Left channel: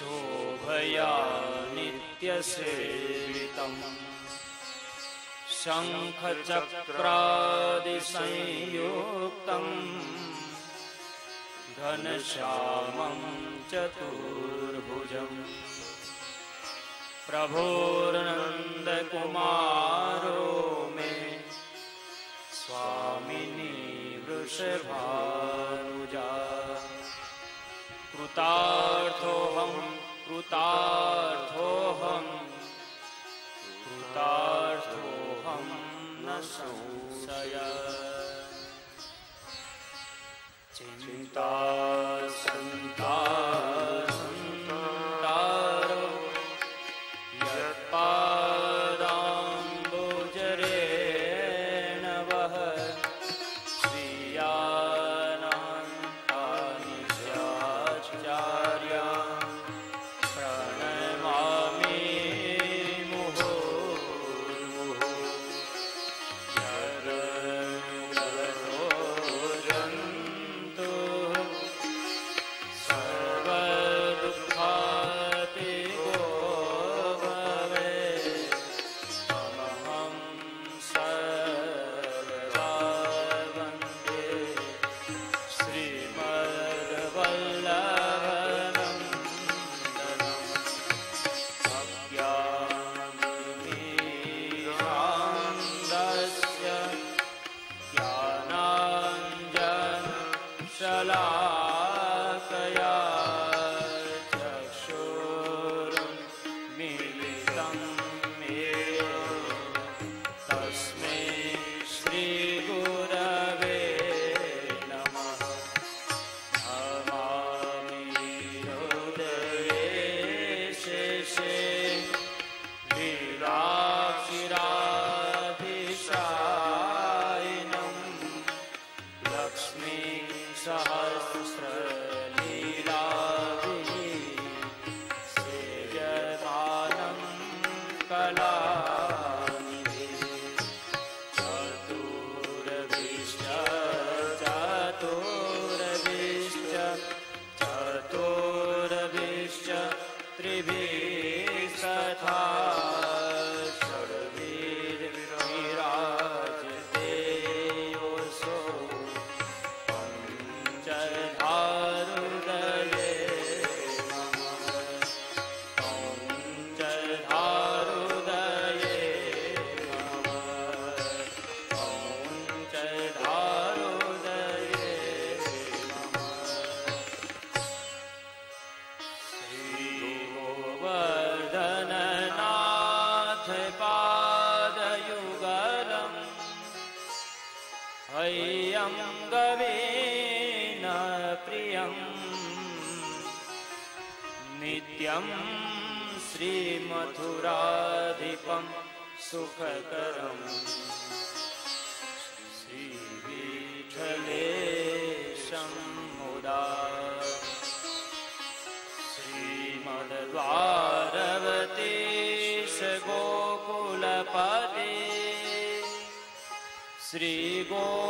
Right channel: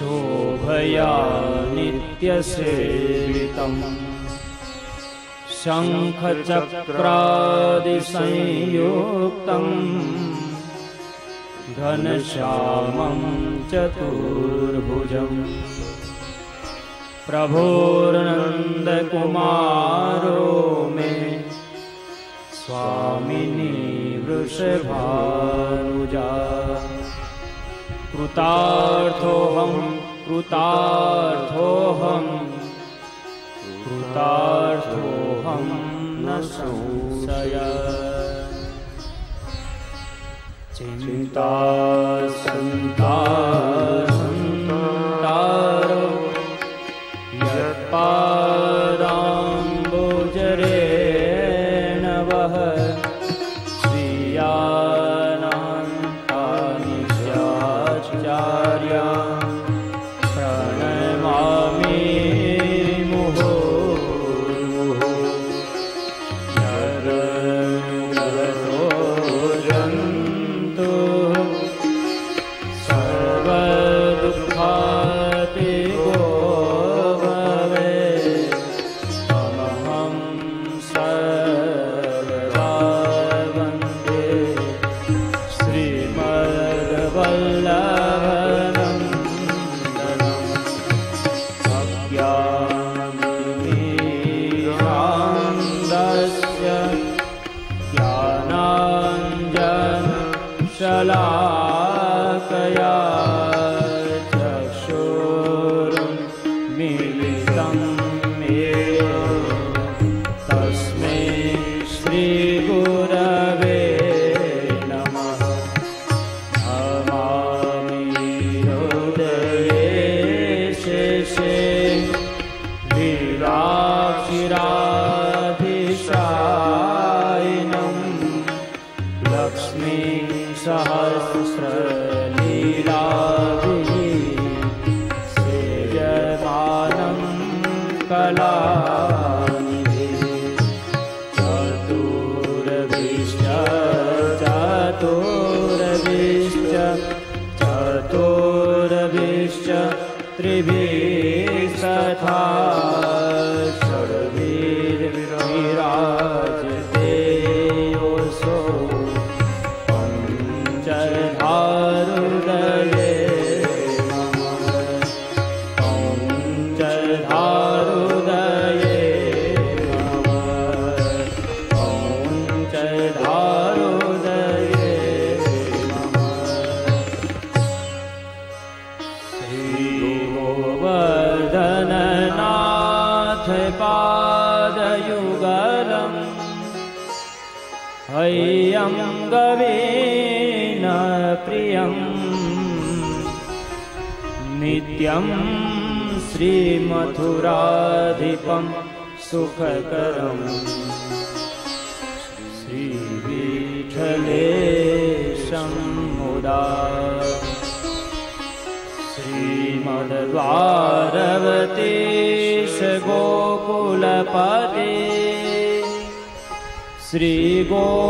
शोभया नित्यसेवितं शङ्खचक्रादिसंयुक्तं घनश्यामं चतुर्भुजं प्रभोर्नन्दकुमारो मे स्वामिनी वृषभानुजा। कृतार्थोऽहं कृतार्थोऽहं कृतार्थोऽहं न संशयः। चिन्ता संतारो यत्पादाम्बुजरेण वः श्रियानन्तानि चाचार्या प्रणमामि मुहुर्मुहुः। यदनुगतो जन्तु सर्वदुःखातिगो भवेत् तमहं सर्वदा वन्दे श्रीमद्वल्लभनन्दनम्। अज्ञानतिमिरान्धस्य ज्ञानाञ्जनशलाकया चक्षुरुन्मीलितं येन तस्मै श्रीगुरवे नमः। नमामि हृदये शेषे लीलाक्षिराधिशायिनं लक्ष्मी सहस्रलीलाभिः सेव्यमानं कलानिधिः। चतुर्भिश्च चतुर्भिश्च चतुर्भिश्च त्रिभिस्तथा षड्भिर्विराजते योऽसौ पञ्चधारुदये नमः। पञ्चधारुदये नमः। पञ्चधारुदये नमः। श्रीगोवर्धननाथ पादयुगलम् हैयं गवेन प्रियं नित्यं श्रीमथुराधिपं सुखकरं श्रीविठलेशं मुदा। श्रीमद्वारवतीश गोकुलपते श्रीगोकुलेन्दुविभुं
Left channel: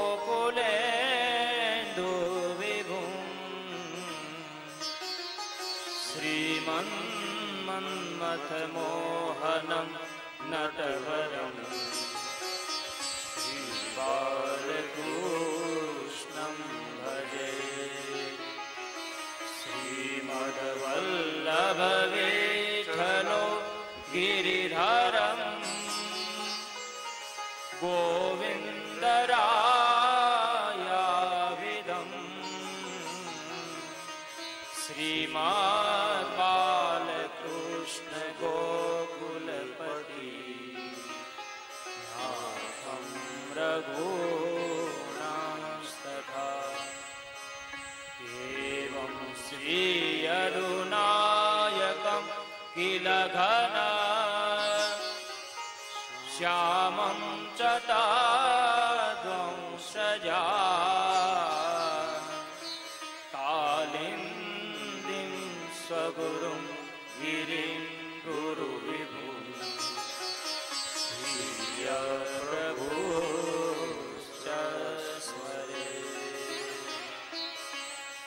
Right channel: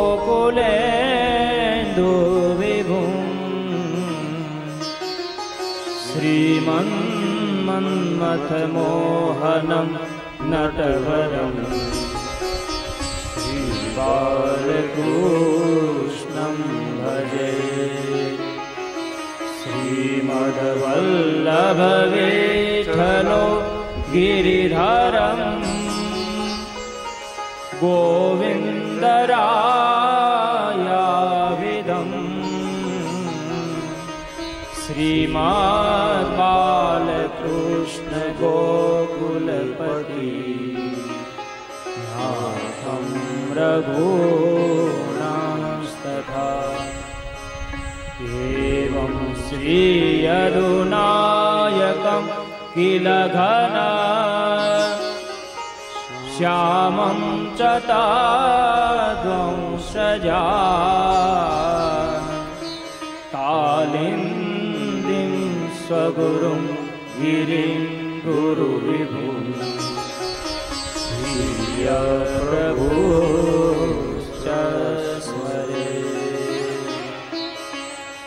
श्रीमन्मन्मथमोहनं नटवरं श्रीबालकृष्णं भजे। श्रीमद्वल्लभविठलो गिरिधरं गोविन्दरायाविदं श्रीमद्बालकृष्ण गोकुलपति नाथं रघूणांस्तथा। एवं श्रीयदुनायकं किल घन श्यामं च ताद्वंशजा कालिन्दीं स्वगुरुं गिरिं गुरुविभुं प्रियप्रभुश्च स्मरे।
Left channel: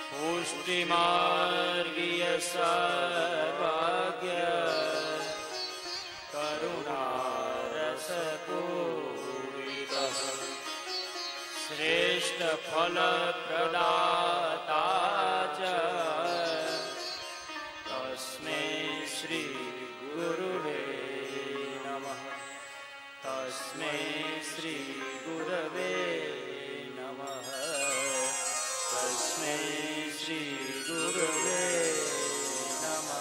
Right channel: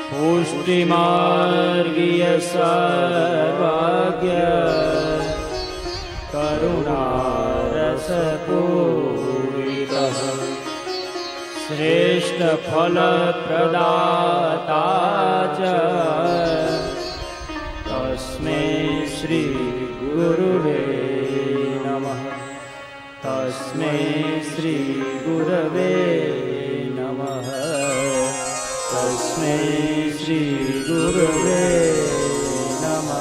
पुष्ट પુષ્ટિમાર્ગીય સર્વાગ્ય કરુણારસપૂરિતઃ શ્રેષ્ઠ ફલપ્રદાતા ચ તસ્મૈ શ્રી ગુરુવે નમઃ. તસ્મૈ શ્રી ગુરવે નમઃ. તસ્મૈ શ્રી ગુરવે નમઃ.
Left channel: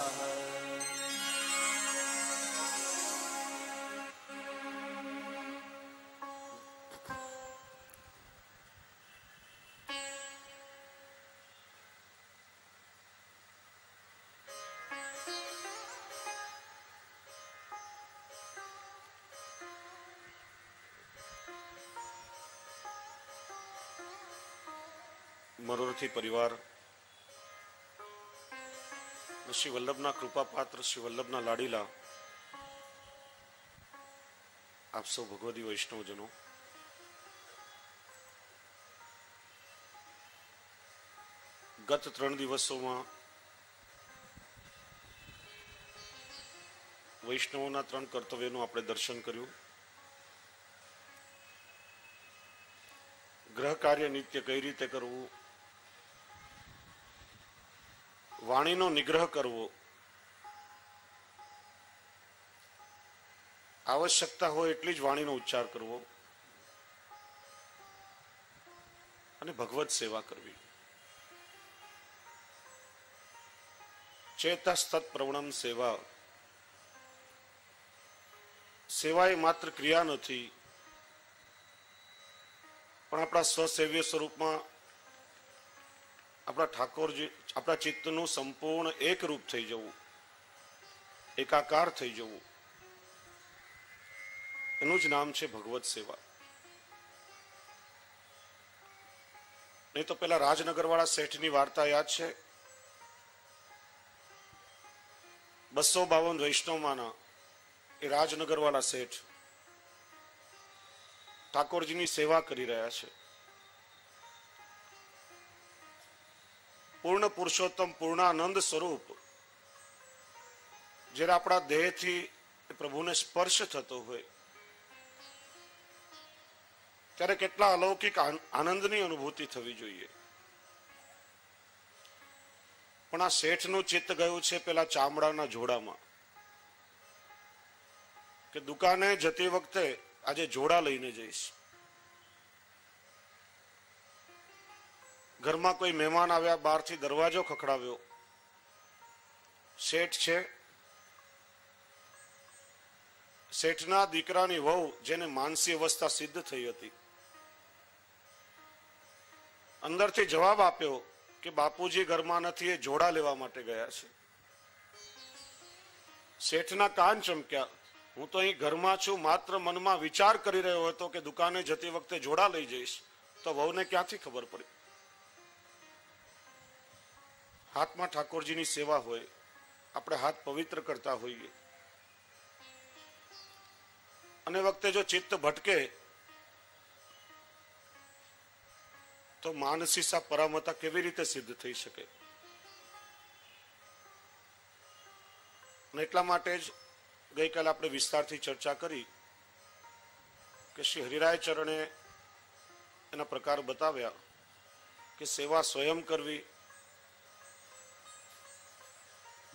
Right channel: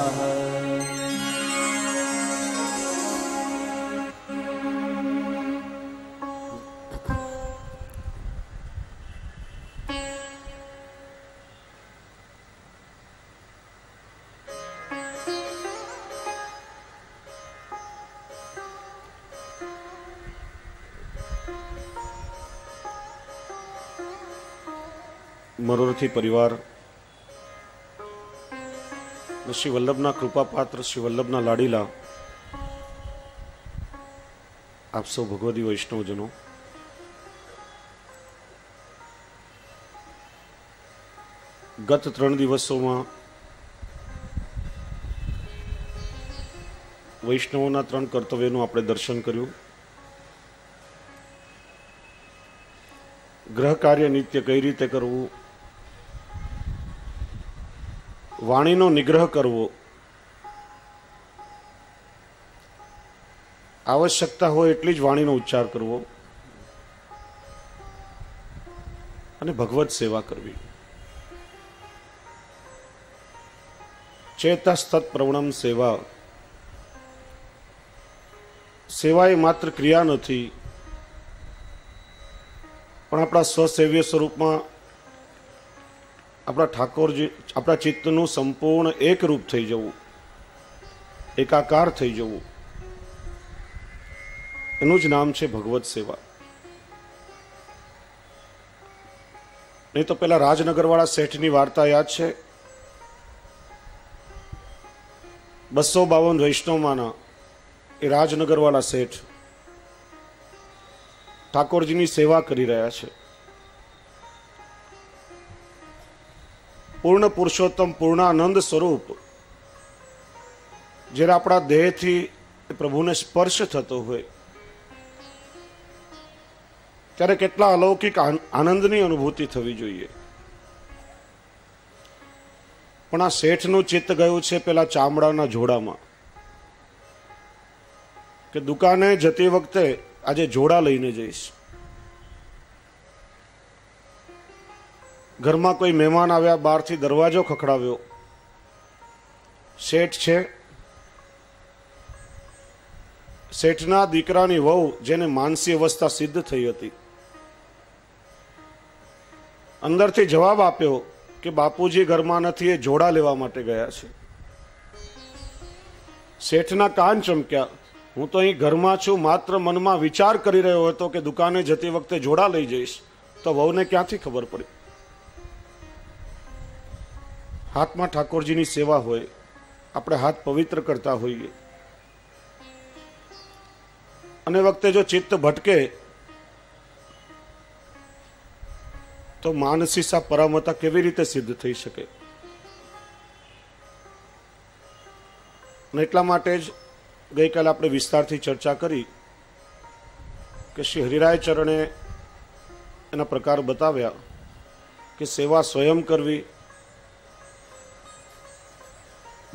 મરોરથી પરિવાર શ્રી વલ્લભના કૃપાપાત્ર શ્રી વલ્લભના લાડીલા આપ સૌ ભગવદી વૈષ્ણવજનો, ગત 3 દિવસોમાં વૈષ્ણવોના 3 કર્તવ્યનું આપણે દર્શન કર્યું. ગ્રહ કાર્ય નિત્ય કઈ રીતે કરવું, વાણીનો નિગ્રહ કરવો, આવશ્યકતા હોય એટલી જ વાણીનો ઉચ્ચાર કરવો અને ભગવત સેવા કરવી. ચેતસ્તત પ્રવણમ સેવા. સેવા એ માત્ર ક્રિયા નથી, પણ આપણા સ્વસેવ્ય સ્વરૂપમાં આપણા ઠાકોરજી, આપણા ચિત્તનું સંપૂર્ણ એક રૂપ થઈ જવું, એકાકાર થઈ જવું, એનું જ નામ છે ભગવત સેવા. નહીં તો પેલા રાજનગરવાળા શેઠની વાર્તા યાદ છે? 252 વૈષ્ણવમાંના એ રાજનગરવાળા શેઠ ઠાકોરજીની સેવા કરી રહ્યા છે. પૂર્ણ પુરુષોત્તમ, પૂર્ણાનંદ સ્વરૂપ જ્યારે આપણા દેહથી પ્રભુને સ્પર્શ થતો હોય ત્યારે કેટલા અલૌકિક આનંદની અનુભૂતિ થવી જોઈએ. પણ આ શેઠનું ચિત્ત ગયું છે પેલા ચામડાના જોડામાં, કે દુકાને જતી વખતે આજે જોડા લઈને જઈશ. ઘરમાં કોઈ મહેમાન આવ્યા, બહારથી દરવાજો ખખડાવ્યો, શેઠ છે. શેઠના દીકરાની વહુ, જેને માનસી અવસ્થા સિદ્ધ થઈ હતી, અંદરથી જવાબ આપ્યો કે બાપુજી ઘરમાં નથી, એ જોડા લેવા માટે ગયા છે. શેઠના કાન ચમક્યા. હું તો અહીં ઘરમાં છું, માત્ર મનમાં વિચાર કરી રહ્યો હતો કે દુકાને જતી વખતે જોડા લઈ જઈશ, તો વહુને ક્યાંથી ખબર પડી? હાથમાં ઠાકોરજીની સેવા હોય, આપણે હાથ પવિત્ર કરતા હોઈએ, અને વખતે જો ચિત્ત ભટકે તો માનસીસા પરામતા કેવી રીતે સિદ્ધ થઈ શકે? અને એટલા માટે જ ગઈકાલે આપણે વિસ્તારથી ચર્ચા કરી કે શ્રી હરિરાય ચરણે એના પ્રકાર બતાવ્યા કે સેવા સ્વયં કરવી,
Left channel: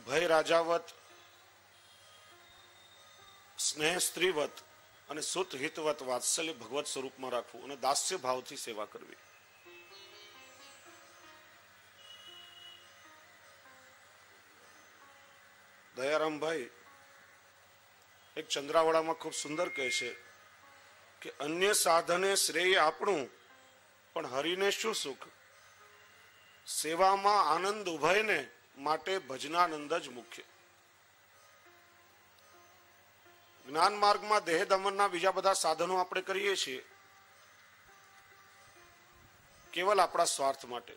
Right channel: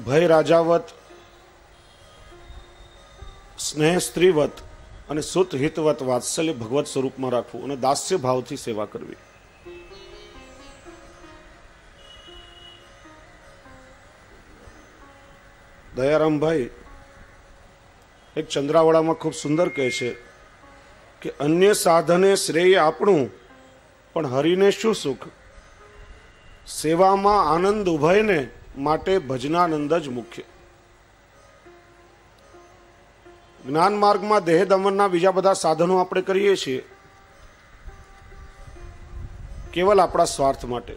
ભય રાજાવત, સ્નેહ સ્ત્રીવત અને સુત હિતવત વાત્સલ્ય ભગવત સ્વરૂપમાં રાખવું અને દાસ્ય ભાવથી સેવા કરવી. દયારામભાઈ એક ચંદ્રાવળામાં ખૂબ સુંદર કહે છે કે અન્ય સાધને શ્રેય આપણું, પણ હરિને શું સુખ? સેવામાં આનંદ ઉભયને, માટે ભજનાનંદ જ મુખ્ય. જ્ઞાન માર્ગમાં દેહ દમનના બીજા બધા સાધનો આપણે કરીએ છીએ કેવલ આપણા સ્વાર્થ માટે,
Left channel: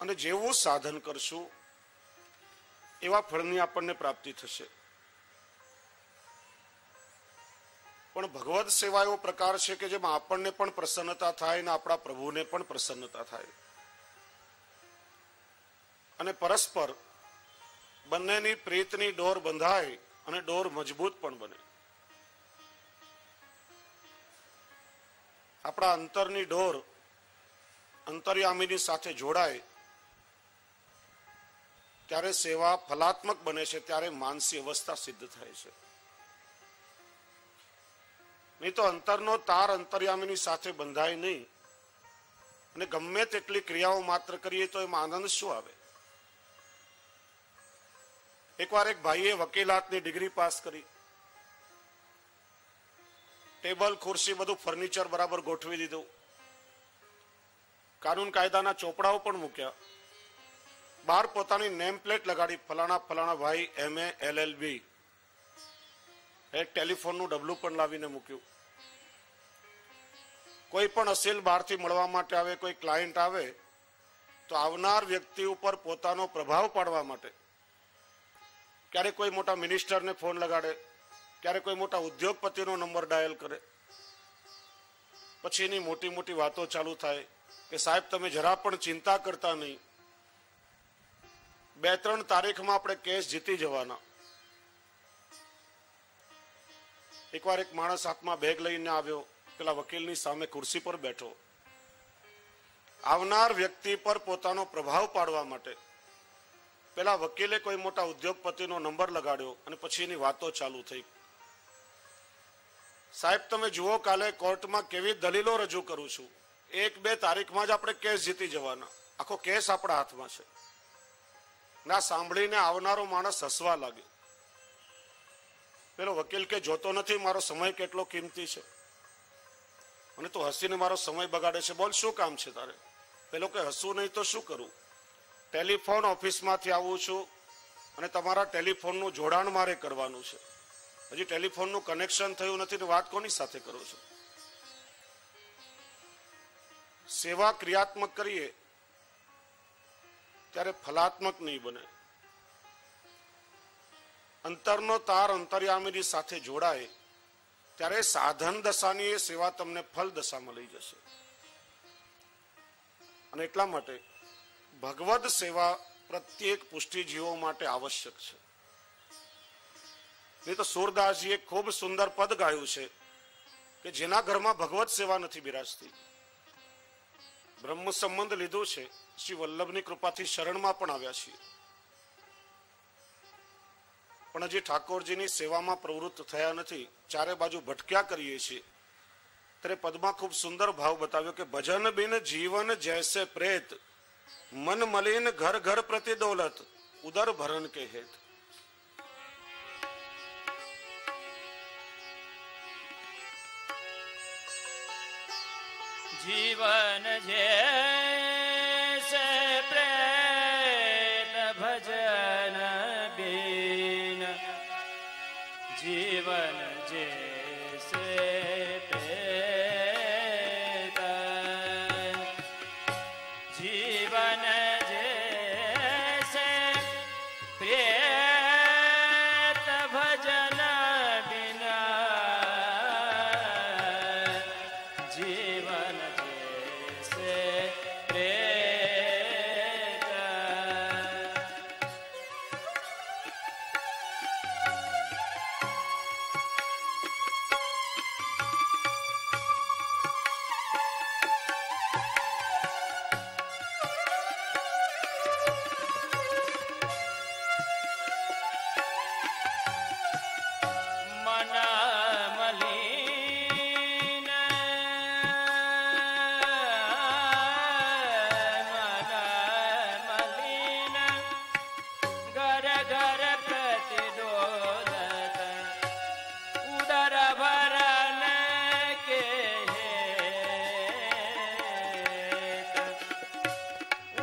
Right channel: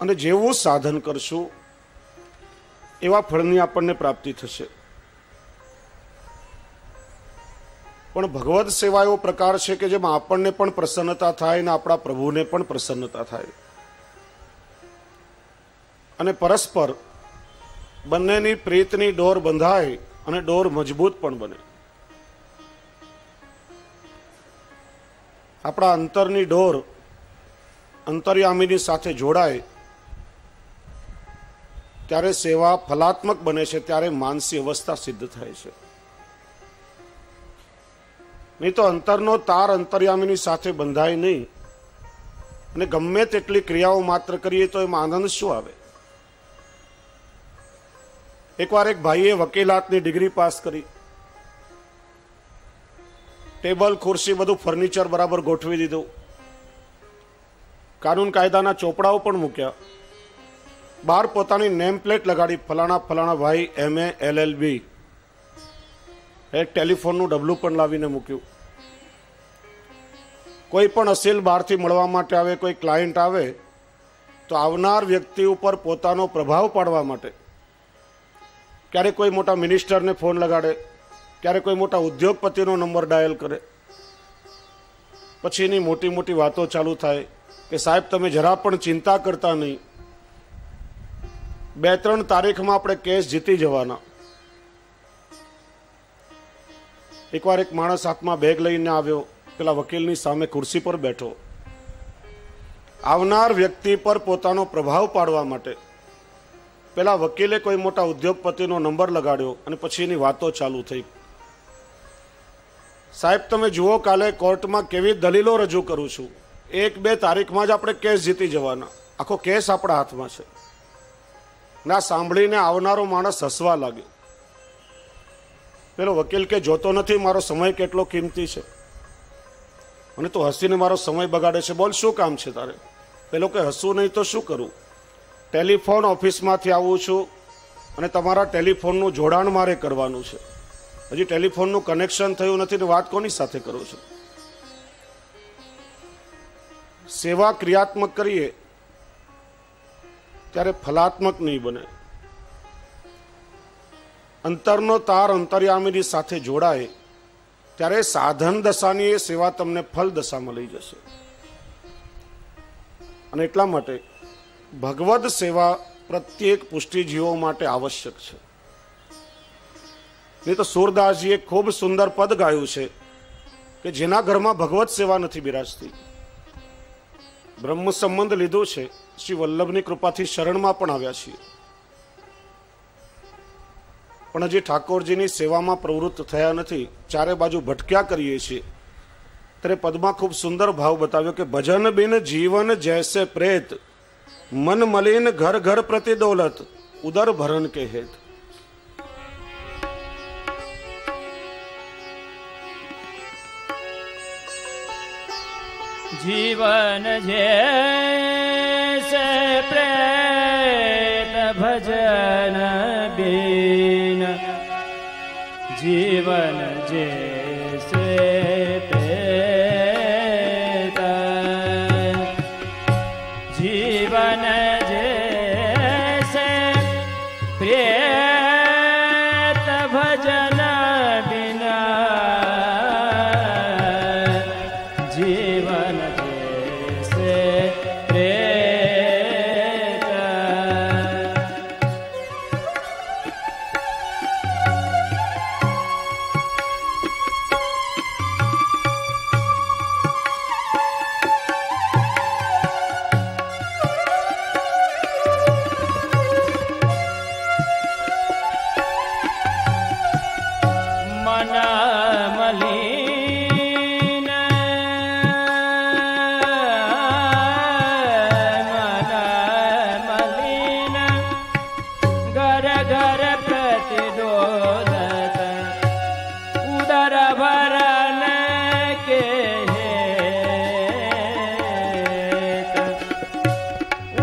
અને જેવું સાધન કરશું એવા ફળની આપણને પ્રાપ્તિ થશે. પણ ભગવદ સેવા એવો પ્રકાર છે કે જેમાં આપણને પણ પ્રસન્નતા થાય અને આપણા પ્રભુને પણ પ્રસન્નતા થાય, અને પરસ્પર બંનેની પ્રીતની ડોર બંધાય અને ડોર મજબૂત પણ બને. આપણા અંતરની ડોર અંતર્યામીની સાથે જોડાય ત્યારે સેવા ફલાત્મક બને છે, ત્યારે માનસી અવસ્થા સિદ્ધ થાય છે. નહીં તો અંતરનો તાર અંતર્યામીની સાથે બંધાય નહીં, અને ગમે તેટલી ક્રિયાઓ માત્ર કરીએ તો એમાં આનંદ શું આવે? એકવાર એક ભાઈએ વકીલાતની ડિગ્રી પાસ કરી, ટેબલ ખુરશી બધું ફર્નિચર બરાબર ગોઠવી દીધું, કાનૂન કાયદાના ચોપડાઓ પણ મૂક્યા, બહાર પોતાની નેમ પ્લેટ લગાડી, ફલાણા ફલાણા ભાઈ MA LLB. એક ટેલિફોનનું ડબલું પણ લાવીને મૂક્યું. કોઈ પણ અસીલ બહારથી મળવા માટે આવે, કોઈ ક્લાયન્ટ આવે તો આવનાર વ્યક્તિ ઉપર પોતાનો પ્રભાવ પાડવા માટે ક્યારેક કોઈ મોટા મિનિસ્ટરને ફોન લગાડે, ક્યારેક કોઈ મોટા ઉદ્યોગપતિનો નંબર ડાયલ કરે. પછી એની મોટી મોટી વાતો ચાલુ થાય કે સાહેબ તમે જરા પણ ચિંતા કરતા નહીં, 2-3 તારીખમાં આપણે કેસ જીતી જવાના. એકવાર એક માણસ હાથમાં બેગ લઈને આવ્યો, પેલા વકીલની સામે ખુરશી પર બેઠો. આવનાર વ્યક્તિ પર પોતાનો પ્રભાવ પાડવા માટે પેલા વકીલે કોઈ મોટા ઉદ્યોગપતિનો નંબર લગાડ્યો અને પછી એની વાતો ચાલુ થઈ. સાહેબ તમે જુઓ, કાલે કોર્ટમાં કેવી દલીલો રજૂ કરું છું, 1-2 તારીખમાં જ આપણે કેસ જીતી જવાના, આખો કેસ આપણા હાથમાં છે. ના સાંભળીને આવનારો માણસ હસવા લાગ્યો. પેલો વકીલ કે જોતો નથી મારો સમય કેટલો કિંમતી છે, અને તું હસીને મારો સમય બગાડે છે, બોલ શું કામ છે તારે? પેલો કે હસવું નહીં તો શું કરું, ટેલિફોન ઓફિસમાંથી આવું છું અને તમારા ટેલિફોનનું જોડાણ મારે કરવાનું છે, હજી ટેલિફોનનું કનેક્શન થયું નથી ને વાત કોની સાથે કરું છું? સેવા ક્રિયાત્મક કરીએ ત્યારે ફલાત્મક નહીં બને. અંતરનો તાર અંતર્યામીની સાથે જોડાય ત્યારે સાધન દશાની એ સેવા તમને ફલ દશામાં લઈ જશે. અને એટલા માટે ભગવદ સેવા પ્રત્યેક પુષ્ટિજીવો માટે આવશ્યક છે. નહીં તો સુરદાસજીએ ખૂબ સુંદર પદ ગાયું છે કે જેના ઘરમાં ભગવત સેવા નથી બિરાજતી. બ્રહ્મ સંબંધ લીધું છે, શ્રી વલ્લભની કૃપાથી શરણમાં પણ આવ્યા છીએ, પણ હજી ઠાકોરજીની સેવામાં પ્રવૃત્ત થયા નથી, ચારે બાજુ ભટક્યા કરીએ છીએ. ત્યારે પદમાં ખૂબ સુંદર ભાવ બતાવ્યો કે ભજન બિન જીવન જૈસે પ્રેત, મન મલિન ઘર ઘર પ્રતિ દોલત, ઉદર ભરણ કે હેત. जीवन जैसे प्रेत भजन बिन, जीवन जैसे प्रेत, जीवन जैसे प्रेत भजन बिना, जीवन जैसे प्रेत. मन मलिन, मन मलिन घर घर प्रतिदोलत, उदर भरण के हेत,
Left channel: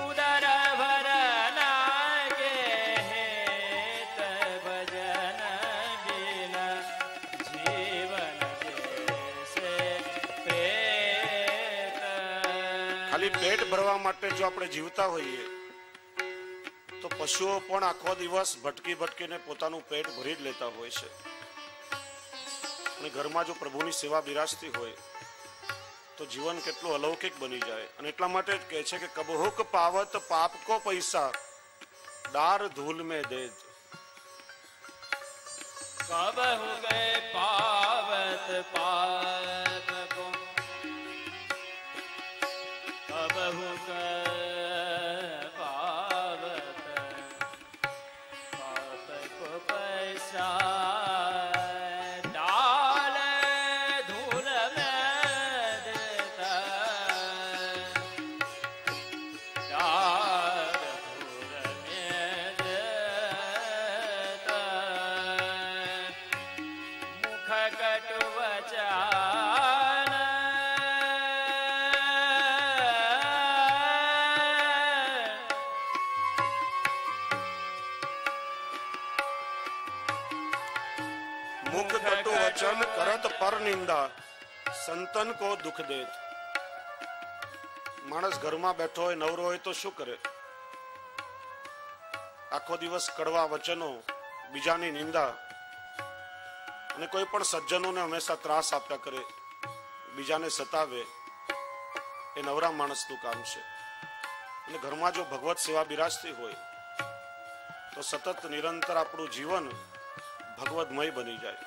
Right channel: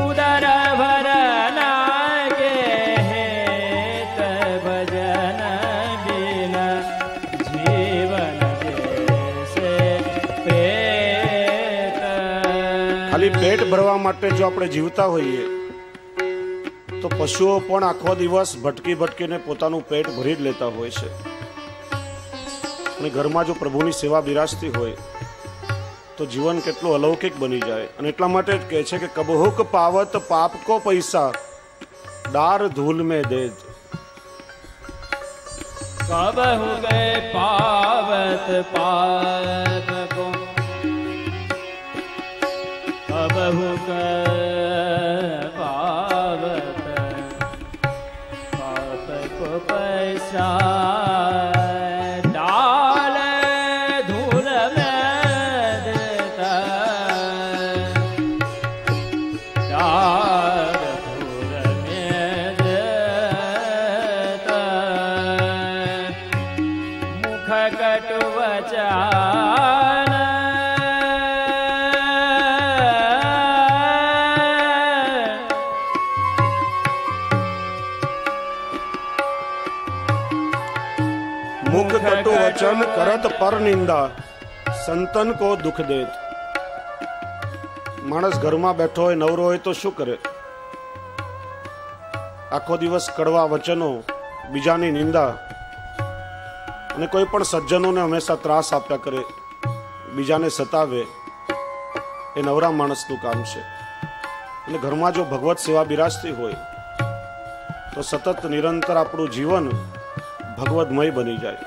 उदर भरण के हेत, भजन बिना जीवन जैसे प्रेत. ખાલી પેટ ભરવા માટે જો આપણે જીવતા હોઈએ તો પશુઓ પણ આખો દિવસ ભટકી ભટકીને પોતાનું પેટ ભરી જ લેતા હોય છે. અને ઘરમાં જો પ્રભુની સેવા બિરાજતી હોય તો જીવન કેટલું અલૌકિક બની જાય. અને એટલા માટે જ કહે છે કે કબહુક પાવત પાપ કો પૈસા ડાર ધૂલ में दे. कबहु गए पावत पाप को कबहु गए पावत पाप को पैसा डाल धूल में देता डाल धूल में देता मुख कटु वचन मुख कटु वचन करत पर निंदा संतन को दुख देत. માણસ ઘરમાં બેઠો હોય નવરો હોય તો શું કરે? આખો દિવસ કડવા વચનો, બીજાની નિંદા અને કોઈ પણ સજ્જનોને હંમેશા ત્રાસ આપ્યા કરે, બીજાને સતાવે. એ નવરા માણસનું કામ છે. અને ઘરમાં જો ભગવત સેવા બિરાજતી હોય તો સતત નિરંતર આપણું જીવન ભગવદમય બની જાય.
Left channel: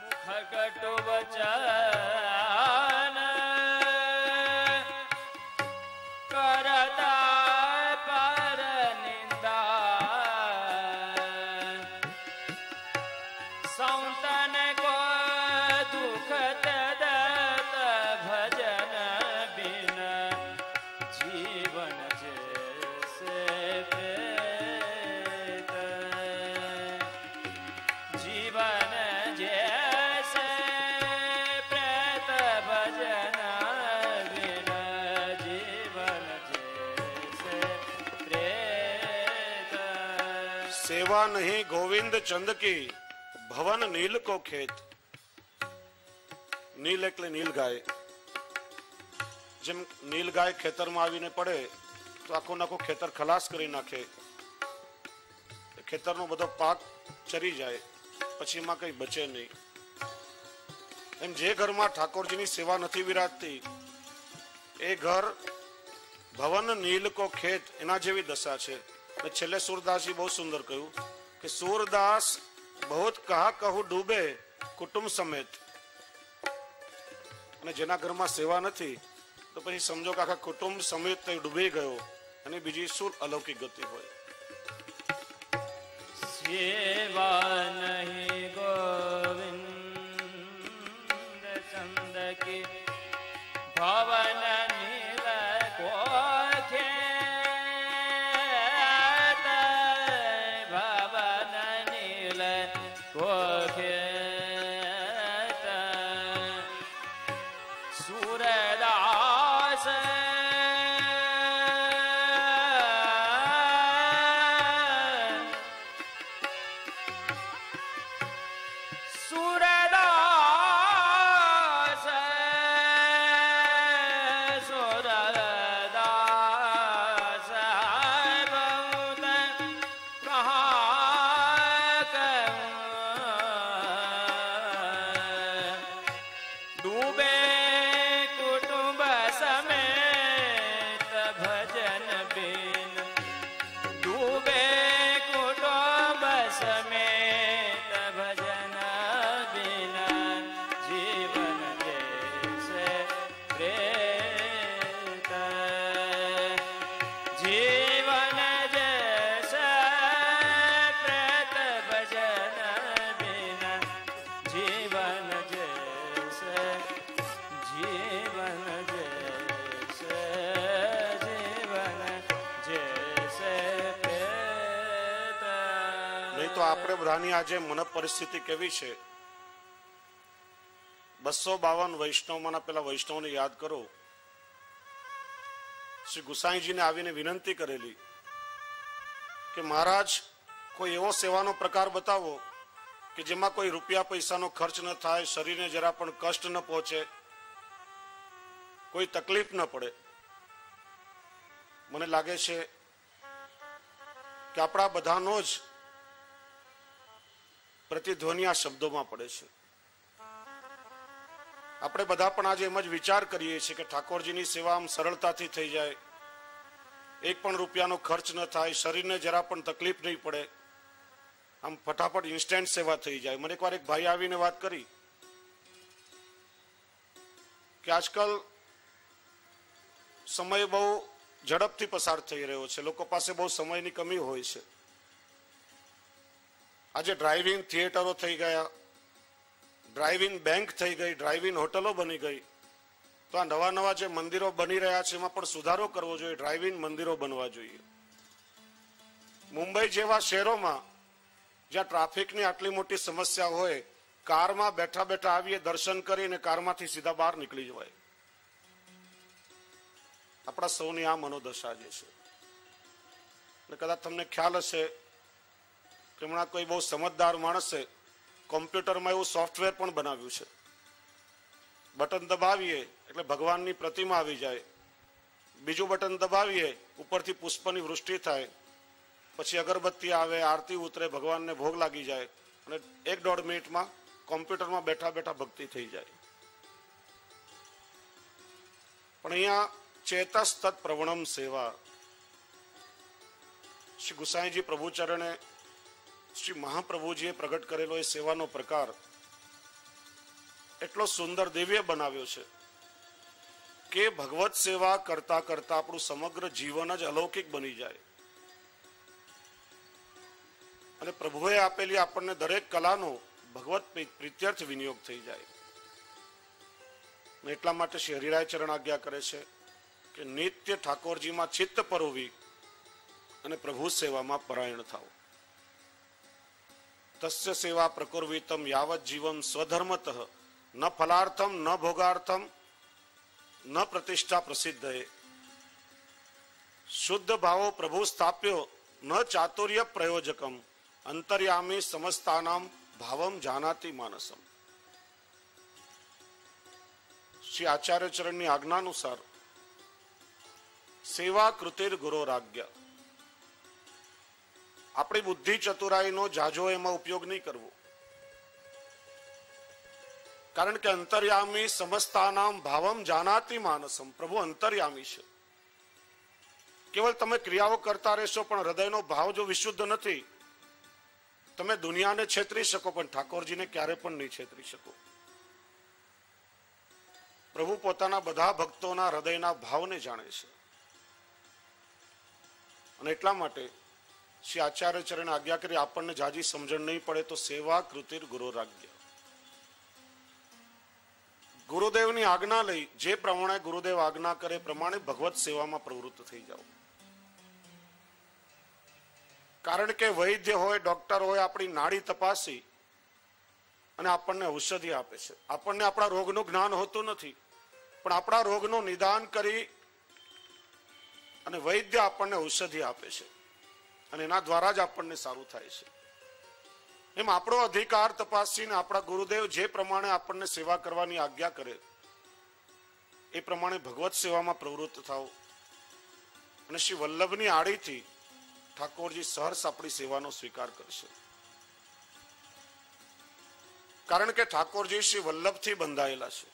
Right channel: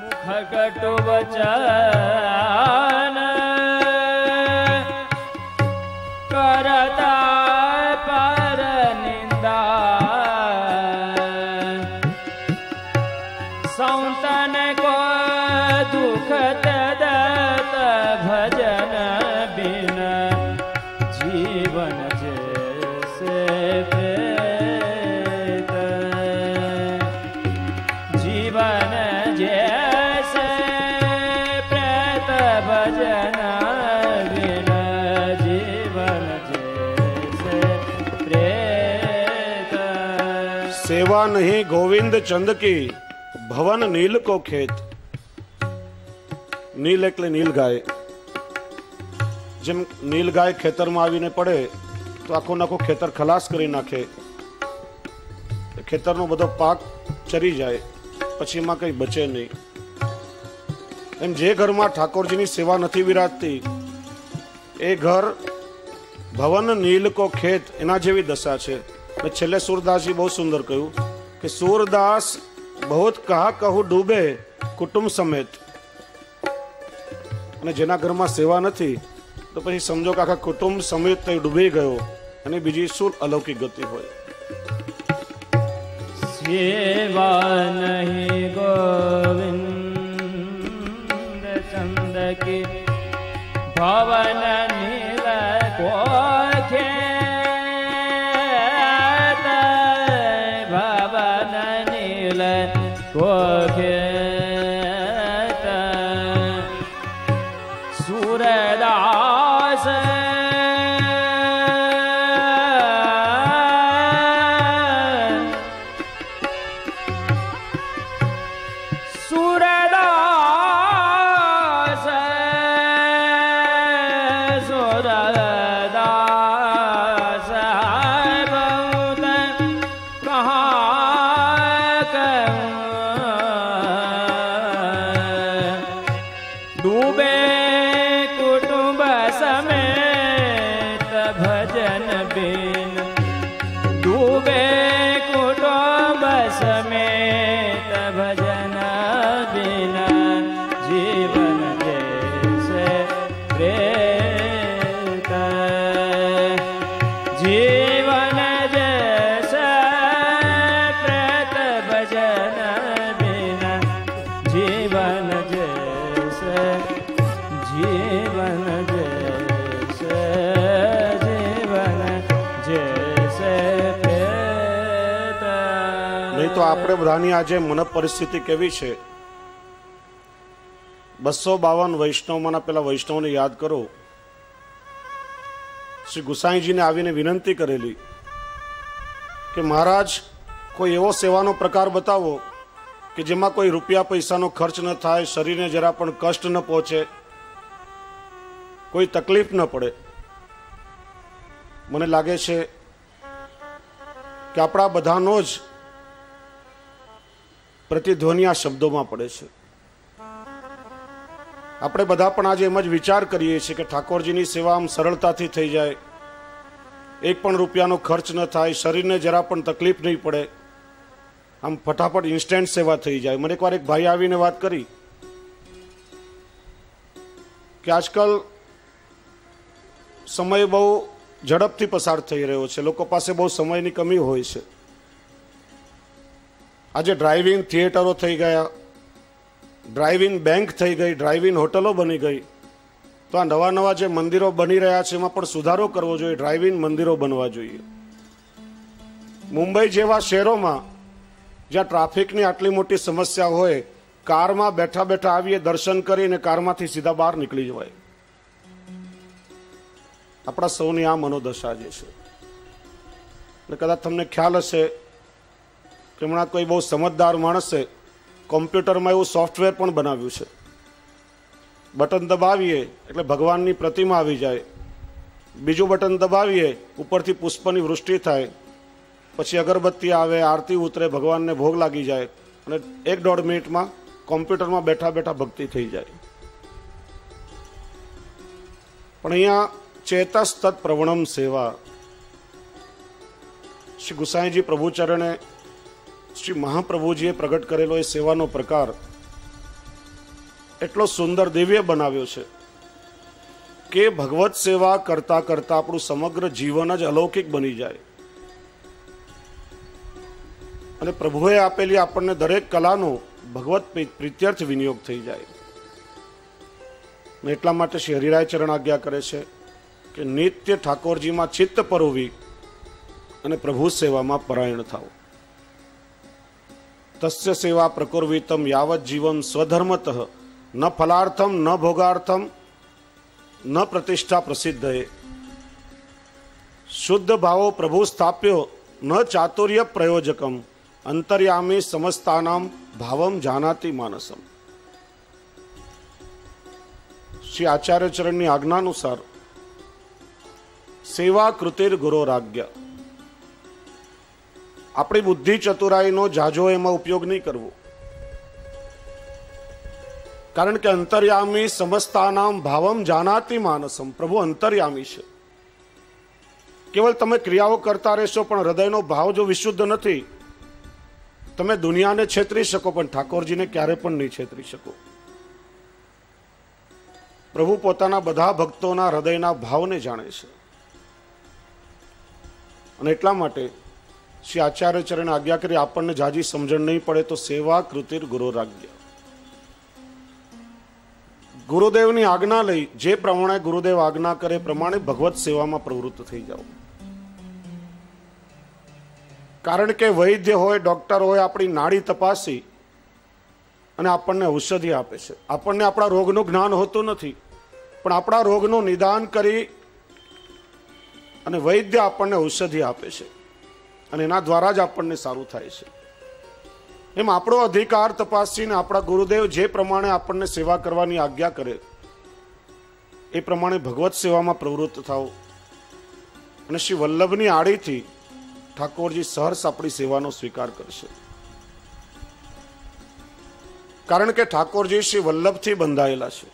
मुख कटु वचन करता पर निंदा संतन को दुख दत भजन बिन जीवन जैसे प्रेत जीवन जैसे प्रेत भजन बिन जीवन जैसे प्रेत. सेवा नहीं गोविंद चंद की भवन नील को खेत. નીલ એટલે નીલ ગાય. જેમ નીલ ગાય ખેતરમાં આવીને પડે તો આખું નાખું ખેતર ખલાસ કરી નાખે, ખેતરનો બધો પાક ચરી જાય, પછી એમાં કંઈ બચે નહીં. એમ જે ઘરમાં ઠાકોરજીની સેવા નથી વિરાજતી એ ઘર ભવન નીલ કો ખેત એના જેવી દશા છે. અને છેલ્લે સૂરદાસજી બહુ સુંદર કહ્યું કે સૂરદાસ બહુત કહા કહું ડૂબે કુટુંબ સમેત. અને જેના ઘરમાં સેવા નથી તો પછી સમજો કે આખા કુટુંબ સમેત તે ડૂબી ગયો. અને બીજી શું અલૌકિક ગતિ હોય? સેવા નહીં ગોવિંદ ચંદ કી ભવન નીલ કો ખેત ભવન નીલ કો ખેત सूरदास सूरदास सूरदास बहुत कहाँ डूबे कुटुंब समेत भजन बिन डूबे कुटुंब समेत भजन बिन जीवन जैसे प्रेत जीवन जैसे प्रेत भजन बिन जीवन जैसे जीवन जैसे जीवन जैसे प्रेत. નહીં તો આપણે બધાની આજે મન પરિસ્થિતિ કેવી છે? 252 વૈષ્ણવમાંના પેલા વૈષ્ણવને યાદ કરો. શ્રી ગુસાઈજીને આવીને વિનંતી કરેલી કે મહારાજ કોઈ એવો સેવાનો પ્રકાર બતાવો કે જેમાં કોઈ રૂપિયા પૈસાનો ખર્ચ ન થાય, શરીરને જરા પણ કષ્ટ ન પહોંચે, કોઈ તકલીફ ન પડે. મને લાગે છે કે આપણા બધાનો જ પ્રતિધ્વનિ આ શબ્દોમાં પડે છે. આપણે બધા પણ આજે એમ જ વિચાર કરીએ છીએ કે ઠાકોરજીની સેવા આમ સરળતાથી થઈ જાય, એક પણ રૂપિયાનો ખર્ચ ન થાય, શરીરને જરા પણ તકલીફ નહીં પડે, આમ ફટાફટ ઇન્સ્ટન્ટ સેવા થઈ જાય. મને એકવાર એક ભાઈ આવીને વાત કરી કે આજકાલ સમય બહુ ઝડપથી પસાર થઈ રહ્યો છે, લોકો પાસે બહુ સમયની કમી હોય છે. આજે ડ્રાઇવિંગ થિયેટરો થઈ ગયા, ડ્રાઇવિંગ બેંક થઈ ગઈ, ડ્રાઇવિંગ હોટલો બની ગઈ. તો આ નવા નવા જે મંદિરો બની રહ્યા છે એમાં પણ સુધારો કરવો જોઈએ, ડ્રાઇવિંગ મંદિરો બનવા જોઈએ. મુંબઈ જેવા શહેરોમાં જ્યાં ટ્રાફિકની આટલી મોટી સમસ્યા હોય, કારમાં બેઠા બેઠા આવીએ, દર્શન કરીને કારમાંથી સીધા બહાર નીકળી જવાય. આપણા સૌની આ મનોદશા જે છે. અને કદાચ તમને ખ્યાલ હશે કે હમણાં કોઈ બહુ સમજદાર માણસે કોમ્પ્યુટરમાં એવું સોફ્ટવેર પણ બનાવ્યું છે, બટન દબાવીએ એટલે ભગવાનની પ્રતિમા આવી જાય, બીજું બટન દબાવીએ ઉપરથી પુષ્પની વૃષ્ટિ થાય, પછી અગરબત્તી આવે, આરતી ઉતરે, ભગવાનને ભોગ લાગી જાય અને 1-1.5 મિનિટમાં કોમ્પ્યુટરમાં બેઠા બેઠા ભક્તિ થઈ જાય. પણ અહીંયા ચેતસ્તત પ્રવણમ સેવા, શ્રી ગુસાઈજી પ્રભુચરણે શ્રી મહાપ્રભુજીએ પ્રગટ કરેલો એ સેવાનો પ્રકાર એટલો સુંદર દિવ્ય બનાવ્યો છે કે ભગવત સેવા કરતા કરતા આપણું સમગ્ર જીવન જ અલૌકિક બની જાય અને પ્રભુએ આપેલી આપણને દરેક કલાનો ભગવત પ્રીત્યર્થ વિનિયોગ થઈ જાય. એટલા માટે શ્રી હરિરાય ચરણ આજ્ઞા કરે છે કે નિત્ય ઠાકોરજીમાં ચિત્ત પરોવી અને પ્રભુ સેવામાં પરાયણ થાવ. તસ્ય સેવા પ્રકુર્વિતમ યાવત જીવમ સ્વધર્મતઃ ન ફલાર્થમ ન ભોગાર્થમ ન પ્રતિષ્ઠા પ્રસિદ્ધએ. શુદ્ધ ભાવો પ્રભુ સ્થાપ્યો ન ચાતુર્ય પ્રયોજકમ અંતર્યામી સમસ્તાનામ ભાવમ જાનાતિ માનસમ. શ્રી આચાર્ય ચરણની આજ્ઞાનુસાર સેવા કૃતિર ગુરોરાજ્ઞા. આપણી બુદ્ધિ ચતુરાઈનો જાજો એમાં ઉપયોગ નહીં કરવો, કારણ કે અંતર્યામી સમસ્તાનામ ભાવમ જાનાતિ માનસમ. પ્રભુ અંતર્યામી છે. કેવલ તમે ક્રિયાઓ કરતા રહેશો પણ હૃદયનો ભાવ જો વિશુદ્ધ નથી, તમે દુનિયાને છેતરી શકો પણ ઠાકોરજીને ક્યારે પણ નહીં છેતરી શકો. પ્રભુ પોતાના બધા ભક્તોના હૃદયના ભાવને જાણે છે અને એટલા માટે શ્રી આચાર્ય ચરણ આજ્ઞા કરી, આપણને જાજી સમજણ નહીં પડે તો સેવા કૃતિર ગુરોરાજ્ઞા. ગુરુદેવની આજ્ઞા લઈ જે પ્રમાણે ગુરુદેવ આજ્ઞા કરે પ્રમાણે ભગવત સેવામાં પ્રવૃત્ત થઈ જાઓ. કારણ કે વૈદ્ય હોય, ડોક્ટર હોય, આપણી નાડી તપાસી અને આપણને ઔષધિ આપે છે. આપણને આપણા રોગનું જ્ઞાન હોતું નથી, પણ આપણા રોગનું નિદાન કરી અને વૈદ્ય આપણને ઔષધિ આપે છે અને એના દ્વારા જ આપણને સારું થાય છે. એમ આપણો અધિકાર તપાસીને આપણા ગુરુદેવ જે પ્રમાણે આપણને સેવા કરવાની આજ્ઞા કરે એ પ્રમાણે ભગવત સેવામાં પ્રવૃત્ત થાવ અને શ્રી વલ્લભની આડીથી ઠાકોરજી સહર્ષ આપણી સેવાનો સ્વીકાર કરશે. કારણ કે ઠાકોરજી શ્રી વલ્લભથી બંધાયેલા છે.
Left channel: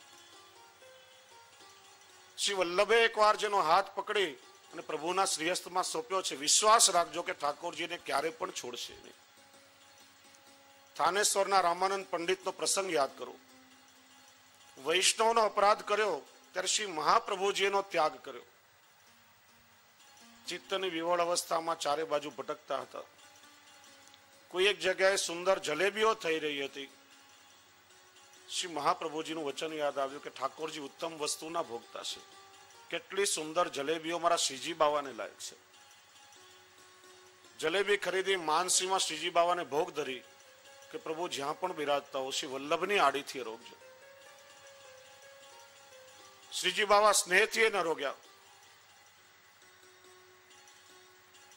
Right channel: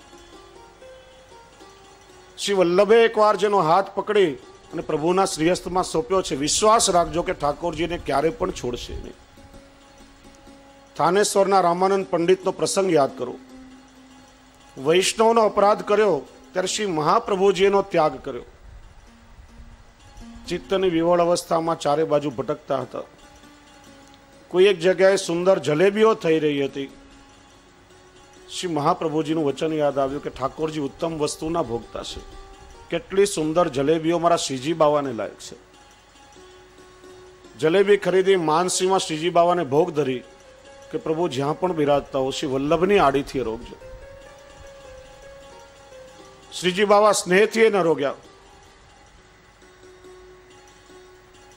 શ્રી વલ્લભે એકવાર જેનો હાથ પકડી અને પ્રભુના શ્રીહસ્તમાં સોંપ્યો છે, વિશ્વાસ રાખજો કે ઠાકોરજીને ક્યારે પણ છોડશે નહીં. થાનેશ્વરના રામાનંદ પંડિતનો પ્રસંગ યાદ કરો. વૈષ્ણવનો અપરાધ કર્યો ત્યારે શ્રી મહાપ્રભુજીનો ત્યાગ કર્યો. ચિત્તની વિવળ અવસ્થામાં ચારે બાજુ ભટકતા હતા. કોઈ એક જગ્યાએ સુંદર જલેબીઓ થઈ રહી હતી. શ્રી મહાપ્રભુજીનું વચન યાદ આવ્યું કે ઠાકોરજી ઉત્તમ વસ્તુના ભોગતા છે. કેટલી સુંદર જલેબીઓ મારા શ્રીજી બાવાને લાયક છે. જલેબી ખરીદી માનસીમાં શ્રીજી બાવાને ભોગ ધરી કે પ્રભુ જ્યાં પણ બિરાજતા હો શ્રી વલ્લભની આડીથી રોગજો. શ્રીજી બાવા સ્નેહથી ન રોગ્યા.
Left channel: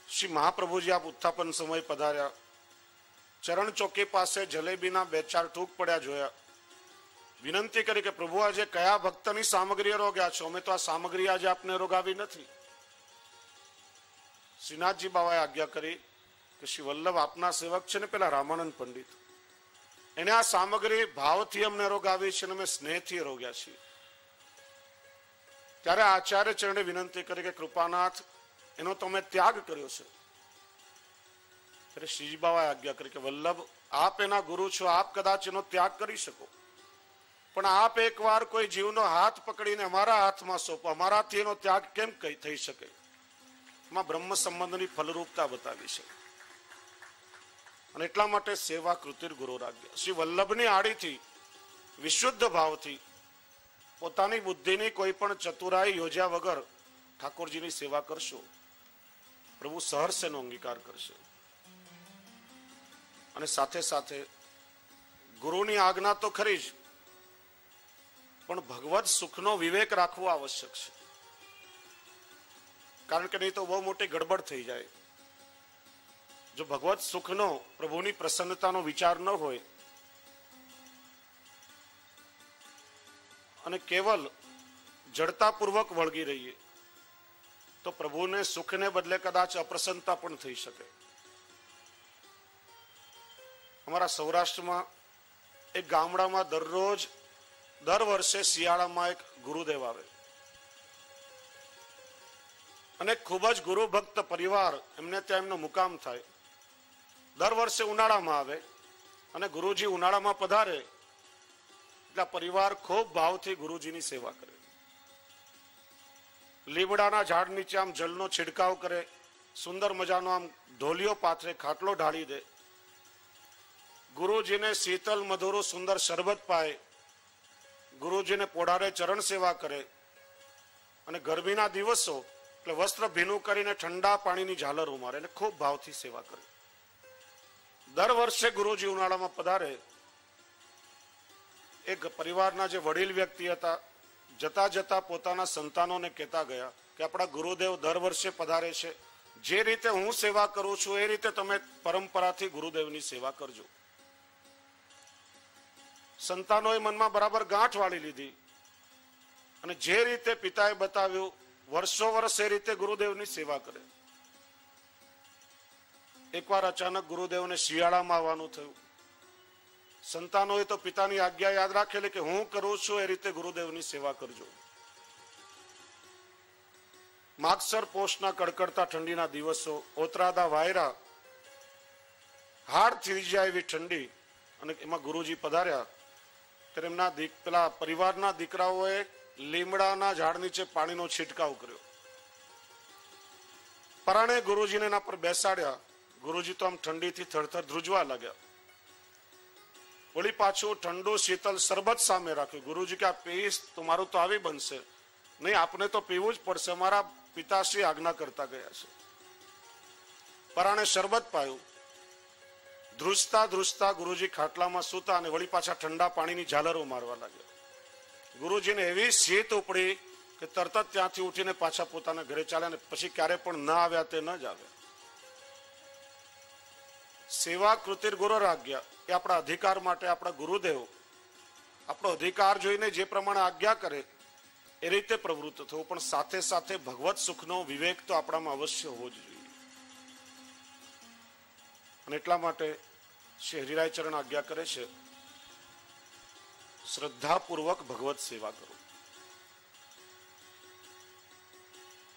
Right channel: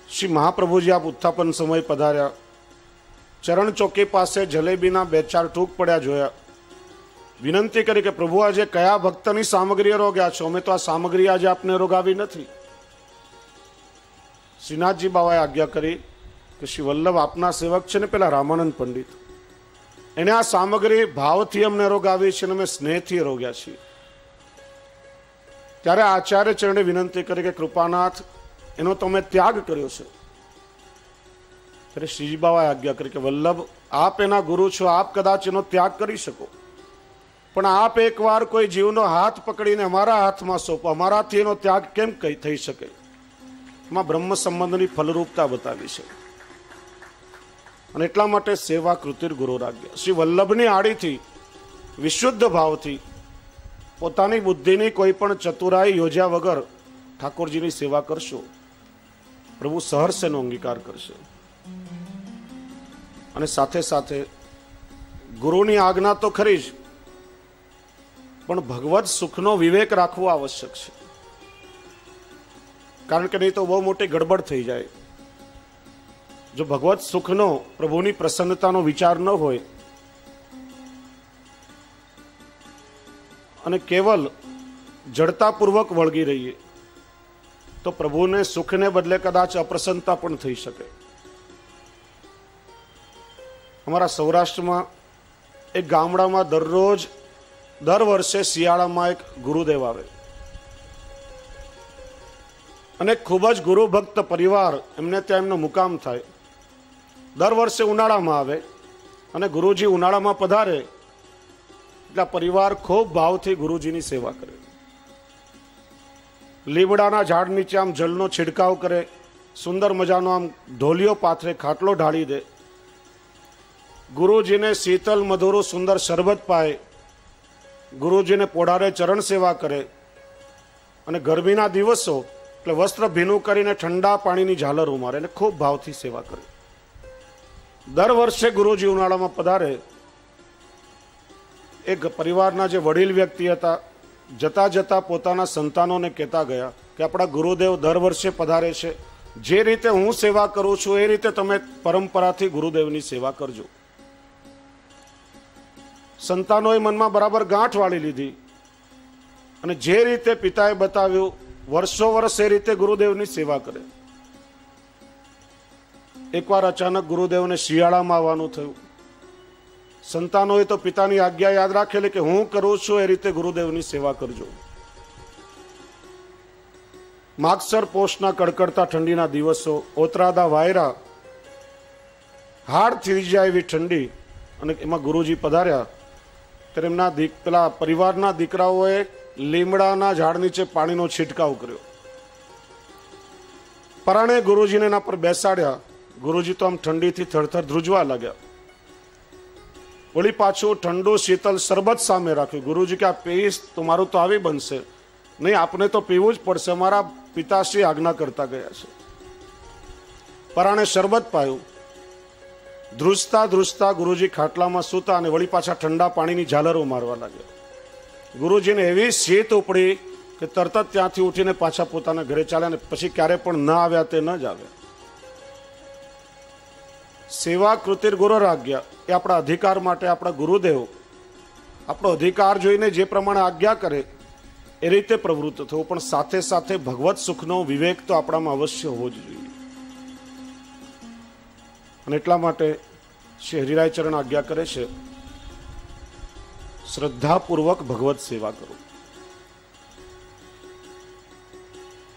શ્રી મહાપ્રભુજી આપ ઉત્થાપન સમય પધાર્યા. ચરણ ચોકી પાસે જલેબીના 2-4 ટૂક પડ્યા જોયા. વિનંતી કરી કે પ્રભુ આજે કયા ભક્તની સામગ્રી રોગ્યા છો? અમે તો આ સામગ્રી આજે આપને રોગાવી નથી. શ્રીનાથજી બાવાએ આજ્ઞા કરી કે શ્રી વલ્લભ આપના સેવક છે ને પેલા રામાનંદ પંડિત, એને આ સામગ્રી ભાવથી અમને રોગાવી છે અને અમે સ્નેહથી રોગ્યા છીએ. ત્યારે આચાર્ય ચરણે વિનંતી કરી કે કૃપાનાથ, એનો તમે ત્યાગ કર્યો છે. ત્યારે શ્રીજી બાબાએ આજ્ઞા કરી કે વલ્લભ, આપ એના ગુરુ છો, આપ કદાચ એનો ત્યાગ કરી શકો, પણ આપ એકવાર કોઈ જીવનો હાથ પકડીને અમારા હાથમાં સોંપો, અમારાથી એનો ત્યાગ કેમ થઈ શકે? એમાં બ્રહ્મ સંબંધની ફલરૂપતા બતાવી છે. અને એટલા માટે સેવા કૃતિર ગુરુ રાજ્ય. શ્રી વલ્લભની આડીથી વિશુદ્ધ ભાવથી પોતાની બુદ્ધિની કોઈ પણ ચતુરાઈ યોજ્યા વગર ઠાકોરજીની સેવા કરશો, પ્રભુ સહર્ષ એનો અંગીકાર કરશે. અને સાથે સાથે ગુરુની આજ્ઞા તો ખરી જ, પણ ભગવત સુખનો વિવેક રાખવો આવશ્યક છે. કારણ કે નહીં તો બહુ મોટી ગડબડ થઈ જાય. જો ભગવત સુખનો, પ્રભુની પ્રસન્નતાનો વિચાર ન હોય અને કેવલ જડતાપૂર્વક વળગી રહીએ તો પ્રભુને સુખને બદલે કદાચ અપ્રસન્નતા પણ થઈ શકે. અમારા સૌરાષ્ટ્રમાં એક ગામડામાં દર વર્ષે શિયાળામાં એક ગુરુદેવ આવે અને ખૂબ જ ગુરુ ભક્ત પરિવાર એમને ત્યાં એમનો મુકામ થાય. દર વર્ષે ઉનાળામાં આવે અને ગુરુજી ઉનાળામાં પધારે એટલે પરિવાર ખૂબ ભાવથી ગુરુજીની સેવા કરે. લીમડાના ઝાડ નીચે આમ જલનો છિડકાવ કરે, સુંદર મજાનો આમ ઢોલિયો પાથરે, ખાટલો ઢાળી દે, ગુરુજીને શીતલ મધુરું સુંદર શરબત પાય, ગુરુજીને પોઢારે ચરણ સેવા કરે. અને ગરમીના દિવસો એટલે વસ્ત્ર ભીનું કરીને ઠંડા પાણીની ઝાલર ઉમારે અને ખૂબ ભાવથી સેવા કરે. દર વર્ષે ગુરુજી ઉનાળામાં પધારે. એક પરિવારના જે વડીલ વ્યક્તિ હતા, જતા જતા પોતાના સંતાનોને કહેતા ગયા કે આપણા ગુરુદેવ દર વર્ષે પધારે છે, જે રીતે હું સેવા કરું છું એ રીતે તમે પરંપરાથી ગુરુદેવની સેવા કરજો. સંતાનોએ મનમાં બરાબર ગાંઠ વાળી લીધી અને જે રીતે પિતાએ બતાવ્યું વર્ષો વર્ષ એ રીતે ગુરુદેવની સેવા કરે. એકવાર અચાનક ગુરુદેવને શિયાળામાં આવવાનું થયું. સંતાનોએ તો પિતાની આજ્ઞા યાદ રાખેલી કે હું કરું છું એ રીતે ગુરુદેવની સેવા કરજો. માગસર પોષના કડકડતા ઠંડીના દિવસો, ઓતરાદા વાયરા, હાડ થઈ જાય એવી ઠંડી, અને એમાં ગુરુજી પધાર્યા ત્યારે એમના પેલા પરિવારના દીકરાઓએ લીમડાના ઝાડ નીચે પાણીનો છિટકાવ કર્યો. પરાણે ગુરુજીને એના પર બેસાડ્યા. ગુરુજી તો આમ ઠંડીથી થરથર ધ્રુજવા લાગ્યા. વળી પાછું ઠંડુ શીતલ શરબત સામે રાખ્યું. ગુરુજી કે આ પીશ તો મારું તો આવી બનશે નહીં, આપને તો પીવું જ પડશે, મારા પિતાશ્રી આજ્ઞા કરતા ગયા છે. પરાણે શરબત પાયું. ધ્રુજતા ધ્રુજતા ગુરુજી ખાટલામાં સૂતા અને વળી પાછા ઠંડા પાણીની ઝાલરો મારવા લાગ્યા. ગુરુજીને એવી શીત ઉપડી કે તરત જ ત્યાંથી ઉઠીને પાછા પોતાના ઘરે ચાલ્યા, અને પછી ક્યારે પણ ન આવ્યા તે ન જ આવ્યા. સેવા કૃતિર ગુરુ આજ્ઞા એ આપણા અધિકાર માટે આપણા ગુરુદેવ આપણો અધિકાર જોઈને જે પ્રમાણે આજ્ઞા કરે એ રીતે પ્રવૃત્ત થવું, પણ સાથે સાથે ભગવત સુખનો વિવેક તો આપણામાં અવશ્ય હોવો જ જોઈએ. અને એટલા માટે શ્રી હરિરાય ચરણ આજ્ઞા કરે છે, શ્રદ્ધાપૂર્વક ભગવત સેવા કરો.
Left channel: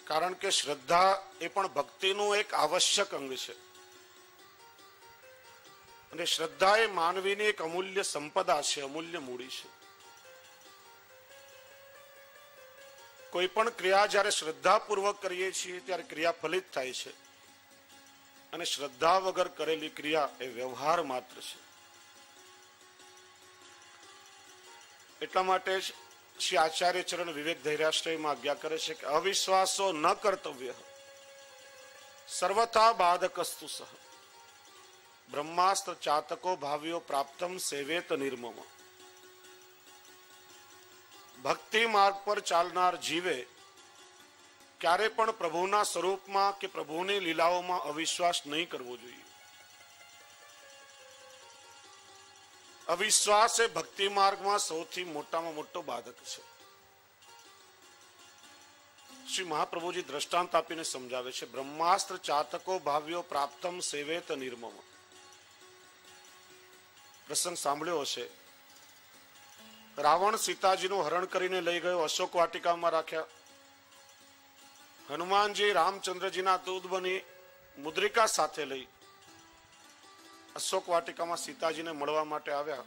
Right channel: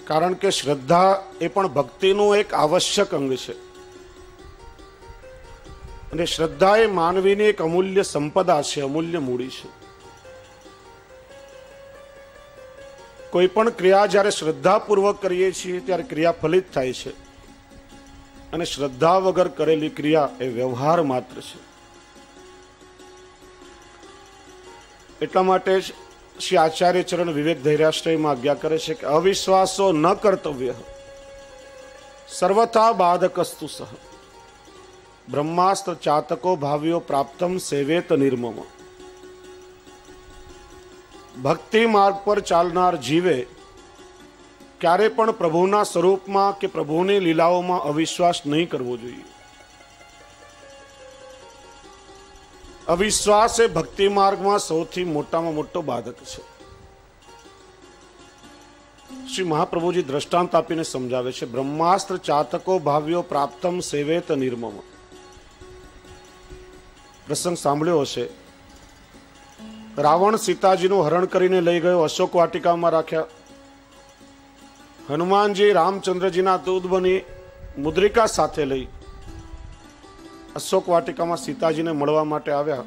કારણ કે શ્રદ્ધા એ પણ ભક્તિનું એક આવશ્યક અંગ છે. અને શ્રદ્ધા એ માનવીની એક અમૂલ્ય સંપદા છે, અમૂલ્ય મૂડી છે. કોઈ પણ ક્રિયા જ્યારે શ્રદ્ધાપૂર્વક કરીએ છીએ ત્યારે ક્રિયા ફલિત થાય છે, અને શ્રદ્ધા વગર કરેલી ક્રિયા એ વ્યવહાર માત્ર છે. એટલા માટે જ શ્રી આચાર્ય ચરણ વિવેક ધૈર્યાશ્રયમાં આજ્ઞા કરે છે કે અવિશ્વાસો ન કર્તવ્ય સર્વથા બાધકસ્તુ સહ બ્રહ્માસ્ત્ર ચાતકો ભાવ્યો પ્રાપ્તમ સેવેત નિર્મમ. ભક્તિ માર્ગ પર ચાલનાર જીવે ક્યારે પણ પ્રભુના સ્વરૂપમાં કે પ્રભુની લીલાઓમાં અવિશ્વાસ નહીં કરવો જોઈએ. અવિશ્વાસ એ ભક્તિ માર્ગમાં સૌથી મોટામાં મોટો બાધક છે. શ્રી મહાપ્રભુજી દ્રષ્ટાંત આપીને સમજાવે છે, બ્રહ્માસ્ત્ર ચાતકો ભાવ્યો પ્રાપ્તમ સેવેત નિર્મમ. પ્રસંગ સાંભળ્યો હશે. રાવણ સીતાજીનું હરણ કરીને લઈ ગયો, અશોક વાટિકામાં રાખ્યા. હનુમાનજી રામચંદ્રજીના દૂત બની મુદ્રિકા સાથે લઈ અશોક વાટિકામાં સીતાજીને મળવા માટે આવ્યા.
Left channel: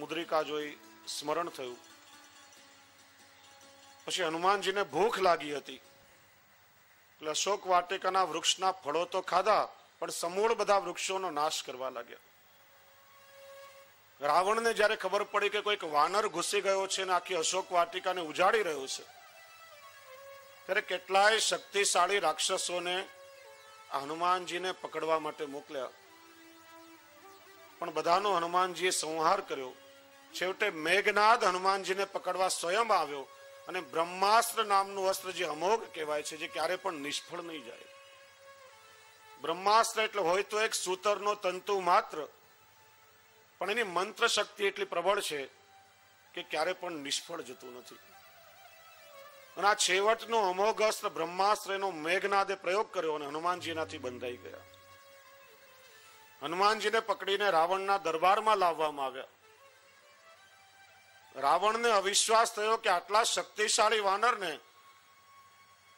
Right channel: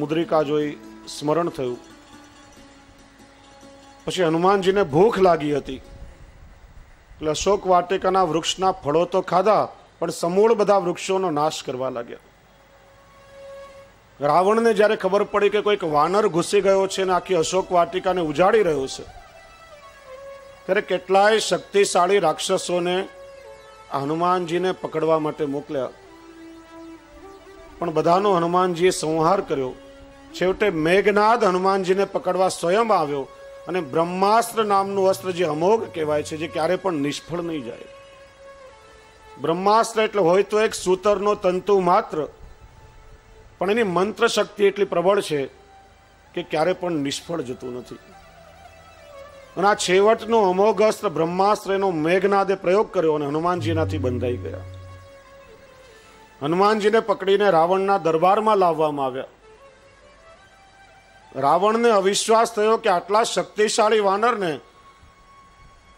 મુદ્રિકા જોઈ સ્મરણ થયું. પછી હનુમાનજીને ભૂખ લાગી હતી એટલે અશોક વાટિકાના વૃક્ષના ફળો તો ખાધા, પણ સમૂળ બધા વૃક્ષોનો નાશ કરવા લાગ્યા. રાવણને જ્યારે ખબર પડી કે કોઈક વાનર ઘૂસી ગયો છે અને આખી અશોક વાટિકાને ઉજાડી રહ્યો છે, ત્યારે કેટલાય શક્તિશાળી રાક્ષસોને હનુમાનજીને પકડવા માટે મોકલ્યા, પણ બધાનો હનુમાનજીએ સંહાર કર્યો. છેવટે મેઘનાદ હનુમાનજીને પકડવા સ્વયં આવ્યો અને બ્રહ્માસ્ત્ર નામનું અસ્ત્ર, જે અમોઘ કહેવાય છે, જે ક્યારે પણ નિષ્ફળ નહીં જાય. બ્રહ્માસ્ત્ર એટલે હોય તો એક સૂતરનો તંતુ માત્ર, પણ એની મંત્ર શક્તિ એટલી પ્રબળ છે કે ક્યારે પણ નિષ્ફળ જતું નથી. અને આ છેવટનો અમોઘ અસ્ત્ર બ્રહ્માસ્ત્ર એનો મેઘનાદે પ્રયોગ કર્યો અને હનુમાનજી એનાથી બંધાઈ ગયા. હનુમાનજીને પકડીને રાવણના દરબારમાં લાવવામાં આવ્યા. રાવણને અવિશ્વાસ થયો કે આટલા શક્તિશાળી વાનરને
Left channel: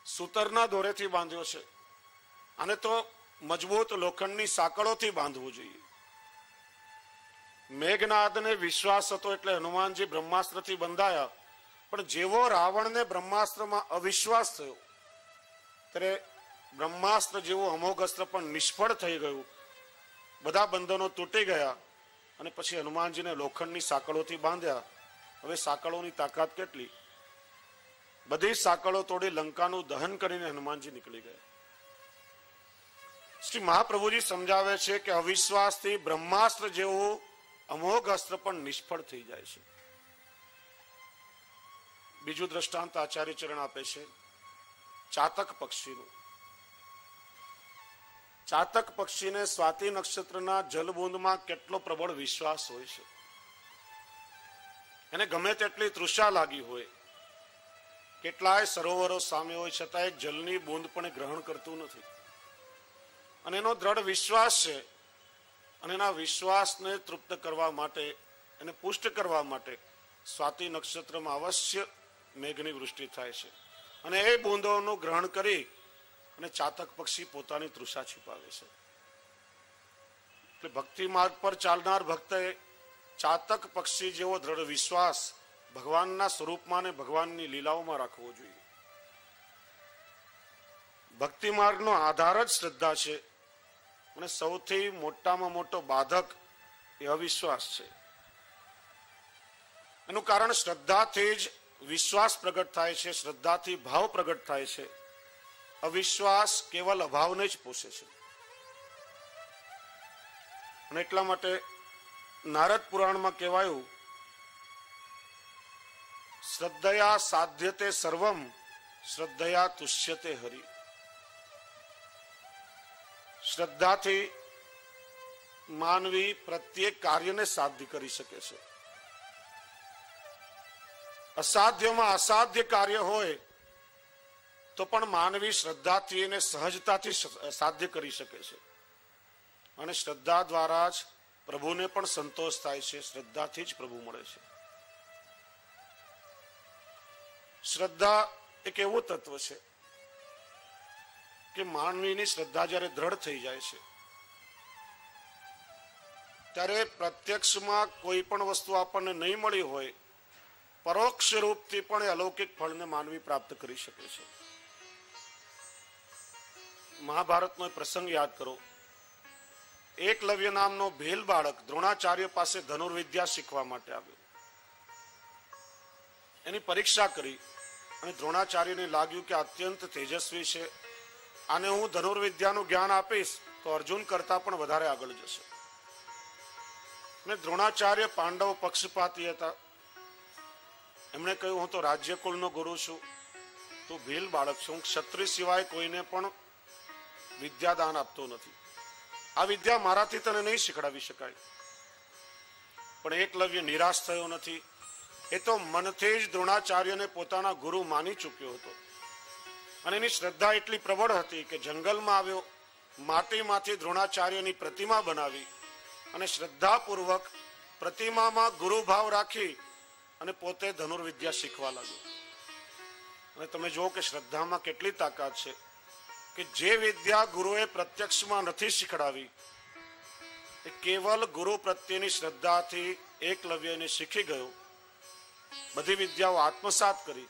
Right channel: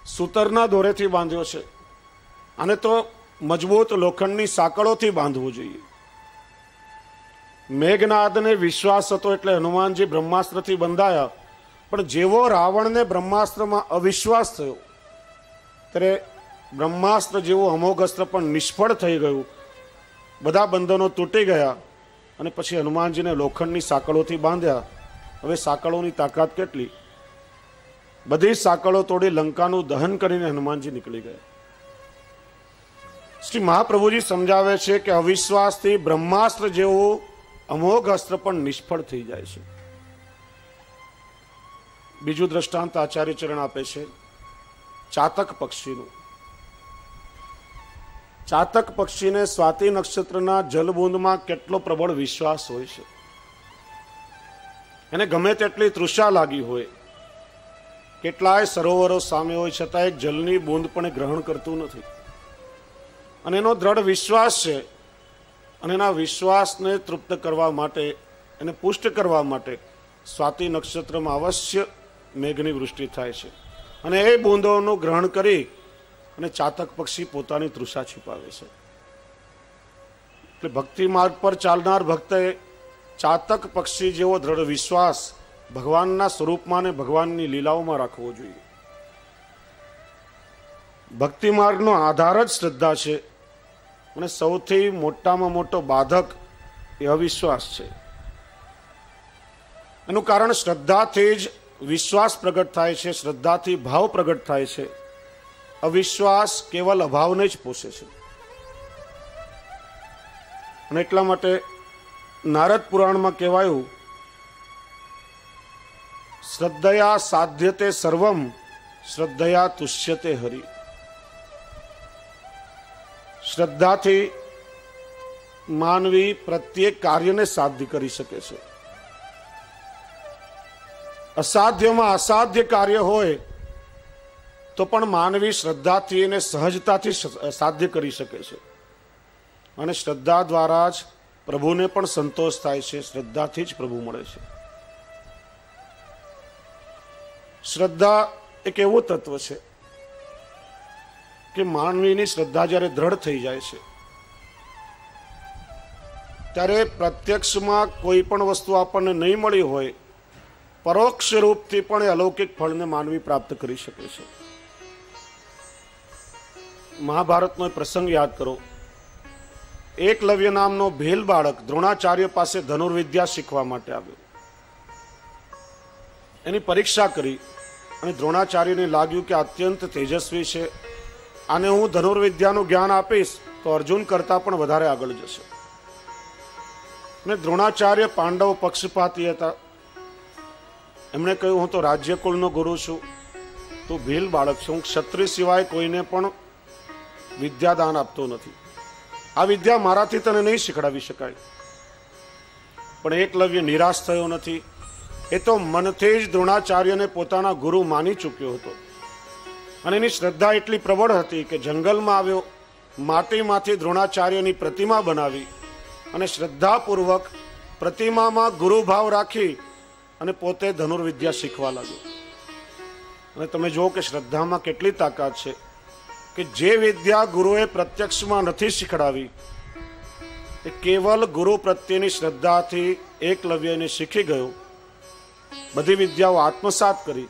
સૂતરના દોરેથી બાંધ્યો છે, આને તો મજબૂત લોખંડની સાંકળોથી બાંધવું જોઈએ. મેઘનાદને વિશ્વાસ હતો એટલે હનુમાનજી બ્રહ્માસ્ત્રથી બંધાયા, પણ જેવો રાવણને બ્રહ્માસ્ત્રમાં અવિશ્વાસ થયો ત્યારે બ્રહ્માસ્ત્ર જેવું અમોઘ અસ્ત્ર પણ નિષ્ફળ થઈ ગયું. બધા બંધનો તૂટી ગયા અને પછી હનુમાનજીને લોખંડની સાંકળોથી બાંધ્યા. હવે સાંકળોની તાકાત કેટલી! બધી સાંકળો તોડી લંકાનું દહન કરીને હનુમાનજી નીકળી ગયા. શ્રી મહાપ્રભુજી સમજાવે છે કે અવિશ્વાસથી બ્રહ્માસ્ત્ર જેવું અમોઘ અસ્ત્ર પણ નિષ્ફળ થઈ જાય છે. બીજું દ્રષ્ટાંત આચાર્ય ચરણ આપે છે ચાતક પક્ષીનું. ચાતક પક્ષીને સ્વાતિ નક્ષત્રના જલબૂંદમાં કેટલો પ્રબળ વિશ્વાસ હોય છે. એને ગમે તેટલી તૃષા લાગી હોય, કેટલાય સરોવરો સામે હોય છતાં એક જલની બૂંદ પણ ગ્રહણ કરતું નથી. અને એનો દ્રઢ વિશ્વાસ છે, અને એના વિશ્વાસને તૃપ્ત કરવા માટે, એને પુષ્ટ કરવા માટે સ્વાતિ નક્ષત્રમાં અવશ્ય મેઘની વૃષ્ટિ થાય છે, અને એ બૂંદોનું ગ્રહણ કરી અને ચાતક પક્ષી પોતાની તૃષા છુપાવે છે. એટલે ભક્તિ માર્ગ પર ચાલનાર ભક્તે ચાતક પક્ષી જેવો દ્રઢ વિશ્વાસ ભગવાનના સ્વરૂપમાં અને ભગવાનની લીલાઓમાં રાખવો જોઈએ. ભક્તિ માર્ગનો આધાર જ શ્રદ્ધા છે, અને સૌથી મોટામાં મોટો બાધક એ અવિશ્વાસ છે. એનું કારણ શ્રદ્ધાથી જ વિશ્વાસ પ્રગટ થાય છે, શ્રદ્ધાથી ભાવ પ્રગટ થાય છે. અવિશ્વાસ કેવલ અભાવને જ પોષે છે. અને એટલા માટે નારદ પુરાણમાં કહેવાયું, શ્રદ્ધયા સાધ્યતે સર્વમ શ્રદ્ધયા તુષ્યતે હરિ. શ્રદ્ધાથી માનવી પ્રત્યેક કાર્યને સાધ્ય કરી શકે છે. અસાધ્યમાં અસાધ્ય કાર્ય હોય તો પણ માનવી શ્રદ્ધાથી એને સહજતાથી સાધ્ય કરી શકે છે. અને શ્રદ્ધા દ્વારા જ પ્રભુને પણ સંતોષ થાય છે, શ્રદ્ધાથી જ પ્રભુ મળે છે. શ્રદ્ધા એક એવું તત્વ છે કે માનવીની શ્રદ્ધા જ્યારે દ્રઢ થઈ જાય છે ત્યારે પ્રત્યક્ષમાં કોઈ પણ વસ્તુ આપણને નહીં મળી હોય, પરોક્ષ રૂપથી પણ એ અલૌકિક ફળને માનવી પ્રાપ્ત કરી શકે છે. મહાભારતનો પ્રસંગ યાદ કરો. એકલવ્ય નામનો ભીલ બાળક દ્રોણાચાર્ય પાસે ધનુર્વિદ્યા શીખવા માટે આવ્યો. એની પરીક્ષા કરી અને દ્રોણાચાર્યને લાગ્યું કે અત્યંત તેજસ્વી છે, આને હું ધનુર્વિદ્યાનું જ્ઞાન આપીશ તો અર્જુન કરતાં પણ વધારે આગળ જશે. અને દ્રોણાચાર્ય પાંડવ પક્ષપાતી હતા. એમણે કહ્યું, હું તો રાજ્યકુળનો ગુરુ છું, તું ભીલ બાળક છું, હું ક્ષત્રિય સિવાય કોઈને પણ વિદ્યાદાન આપતો નથી, આ વિદ્યા મારાથી તને નહીં શીખડાવી શકાય. પણ એકલવ્ય નિરાશ થયો નથી. એ તો મનથી જ દ્રોણાચાર્યને પોતાના ગુરુ માની ચૂક્યો હતો, અને એની શ્રદ્ધા એટલી પ્રબળ હતી કે જંગલમાં આવ્યો, માટીમાંથી દ્રોણાચાર્યની પ્રતિમા બનાવી અને શ્રદ્ધાપૂર્વક પ્રતિમામાં ગુરુભાવ રાખી અને પોતે ધનુર્વિદ્યા શીખવા લાગ્યો. અને તમે જુઓ કે શ્રદ્ધામાં કેટલી તાકાત છે કે જે વિદ્યા ગુરુએ પ્રત્યક્ષમાં નથી શીખડાવી એ કેવલ ગુરુ પ્રત્યેની શ્રદ્ધાથી એકલવ્યને શીખી ગયો. બધી વિદ્યાઓ આત્મસાત કરી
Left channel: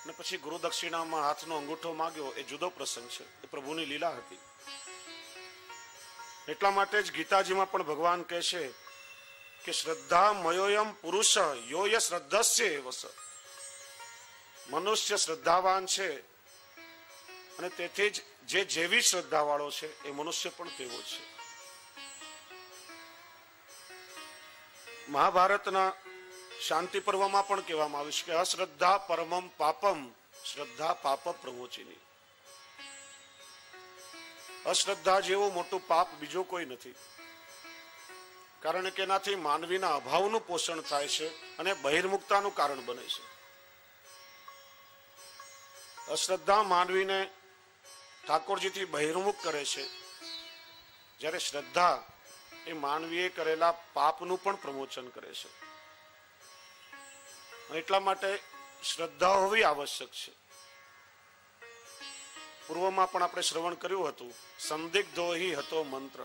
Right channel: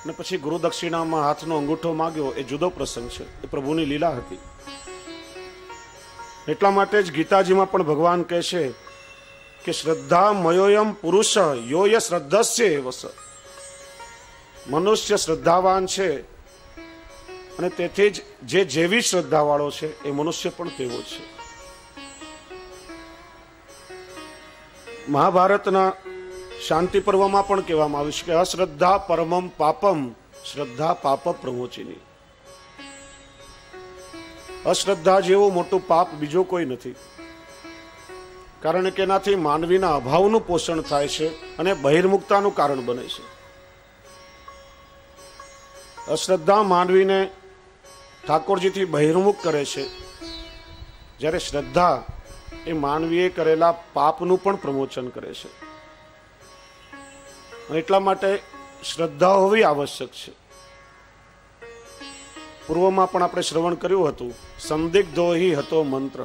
અને પછી ગુરુ દક્ષિણામાં હાથનો અંગૂઠો માંગ્યો. એ જુદો પ્રસંગ છે, એ પ્રભુની લીલા હતી. એટલા માટે જ ગીતાજીમાં પણ ભગવાન કહે છે કે શ્રદ્ધા મયોયમ પુરુષ યોય શ્રદ્ધસ્ય એવસ. મનુષ્ય શ્રદ્ધાવાન છે અને તેથી જ જે જેવી શ્રદ્ધાવાળો છે એ મનુષ્ય પણ તેવો છે. મહાભારતના શાંતિ પર્વમાં પણ કહેવામાં આવ્યું છે કે અશ્રદ્ધા પરમમ પાપમ શ્રદ્ધા પાપ પ્રમોચિની. અશ્રદ્ધા જેવું મોટું પાપ બીજો કોઈ નથી, કારણ કે એનાથી માનવીના અભાવનું પોષણ થાય છે અને બહિર્મુખતાનું કારણ બને છે. અશ્રદ્ધા માનવીને ઠાકોરજીથી બહિર્મુખ કરે છે, જ્યારે શ્રદ્ધા એ માનવીએ કરેલા પાપનું પણ પ્રમોચન કરે છે. એટલા માટે શ્રદ્ધા હોવી આવશ્યક છે. પૂર્વમાં પણ આપણે શ્રવણ કર્યું હતું, સંદિગ્ધો હિ હતો મંત્ર.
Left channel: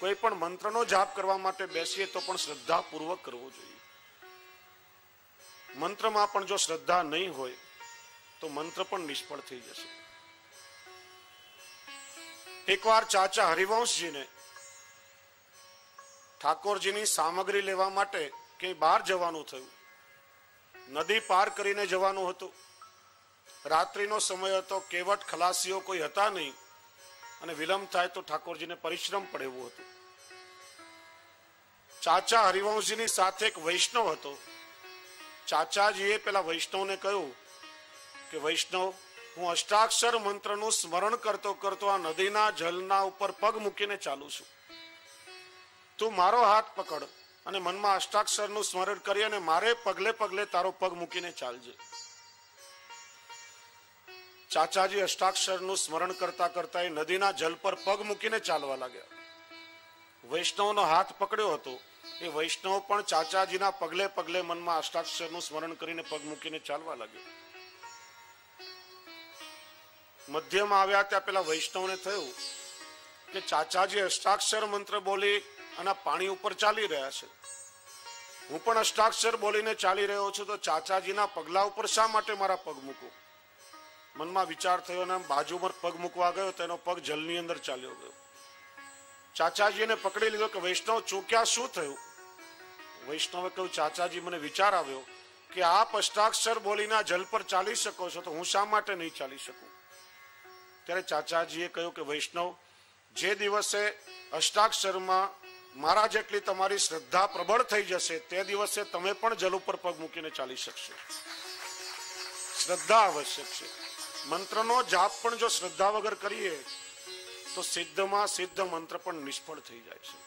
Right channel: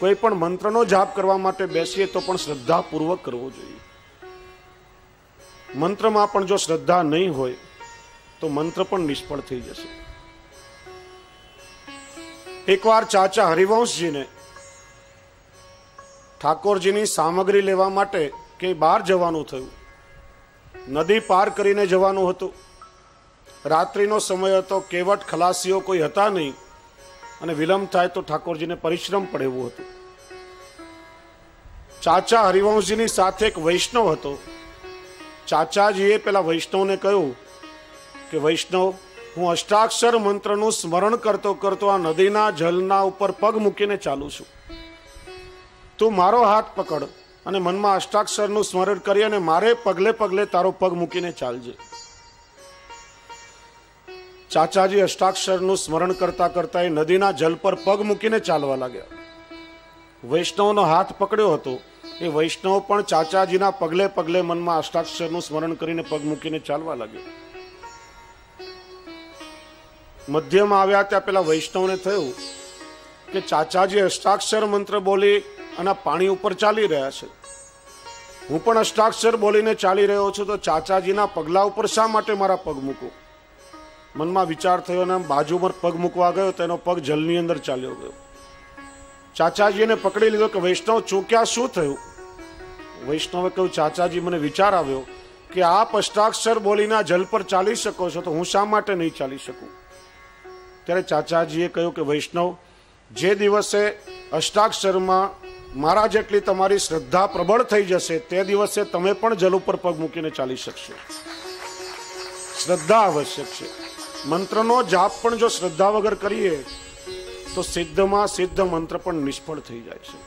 કોઈ પણ મંત્રનો જાપ કરવા માટે બેસીએ તો પણ શ્રદ્ધાપૂર્વક કરવો જોઈએ. મંત્રમાં પણ જો શ્રદ્ધા નહીં હોય તો મંત્ર પણ નિષ્ફળ થઈ જશે. એકવાર ચાચા હરિવંશજીને ઠાકોરજીની સામગ્રી લેવા માટે કે બહાર જવાનું થયું. નદી પાર કરીને જવાનું હતું. રાત્રિનો સમય હતો, કેવટ ખલાસીઓ કોઈ હતા નહીં અને વિલંબ થાય તો ઠાકોરજીને પરિશ્રમ પડે એવું હતું. ચાચા હરિવંશજીની સાથે એક વૈષ્ણવ હતો. ચાચાજીએ પેલા વૈષ્ણવને કહ્યું કે વૈષ્ણવ, હું અષ્ટાક્ષર મંત્રનું સ્મરણ કરતો કરતો આ નદીના જલના ઉપર પગ મૂકીને ચાલું છું. તું મારો હાથ પકડ અને મનમાં અષ્ટાક્ષરનું સ્મરણ કરી અને મારે પગલે પગલે તારો પગ મૂકીને ચાલજે. ચાચાજી અષ્ટાક્ષરનું સ્મરણ કરતા કરતા એ નદીના જલ પર પગ મૂકીને ચાલવા લાગ્યા. વૈષ્ણવનો હાથ પકડ્યો હતો. એ વૈષ્ણવ પણ ચાચાજીના પગલે પગલે મનમાં અષ્ટાક્ષરનું સ્મરણ કરીને પગ મૂકીને ચાલવા લાગ્યો. મધ્યમાં આવ્યા ત્યાં પેલા વૈષ્ણવને થયું કે ચાચાજી અષ્ટાક્ષર મંત્ર બોલી અને પાણી ઉપર ચાલી રહ્યા છે. હું પણ અષ્ટાક્ષર બોલીને ચાલી રહ્યો છું, તો ચાચાજીના પગલા ઉપર શા માટે મારા પગ મૂકું? મનમાં વિચાર થયો અને બાજુમાં પગ મૂકવા ગયો તો એનો પગ જલની અંદર ચાલ્યો ગયો. ચાચાજીને પકડી લીધો કે વૈષ્ણવ ચૂક્યા, શું થયું? વૈષ્ણવે કહ્યું, ચાચાજી મને વિચાર આવ્યો કે આપ અષ્ટાક્ષર બોલીને જલ પર ચાલી શકો છો તો હું શા માટે નહીં ચાલી શકું? ત્યારે ચાચાજીએ કહ્યું કે વૈષ્ણવ, જે દિવસે અષ્ટાક્ષરમાં મારા જેટલી તમારી શ્રદ્ધા પ્રબળ થઈ જશે તે દિવસે તમે પણ જલ ઉપર પગ મૂકીને ચાલી શકશો. શ્રદ્ધા આવશ્યક છે. મંત્રનો જાપ પણ જો શ્રદ્ધા વગર કરીએ તો સિદ્ધમાં સિદ્ધ મંત્ર પણ નિષ્ફળ થઈ જાય છે.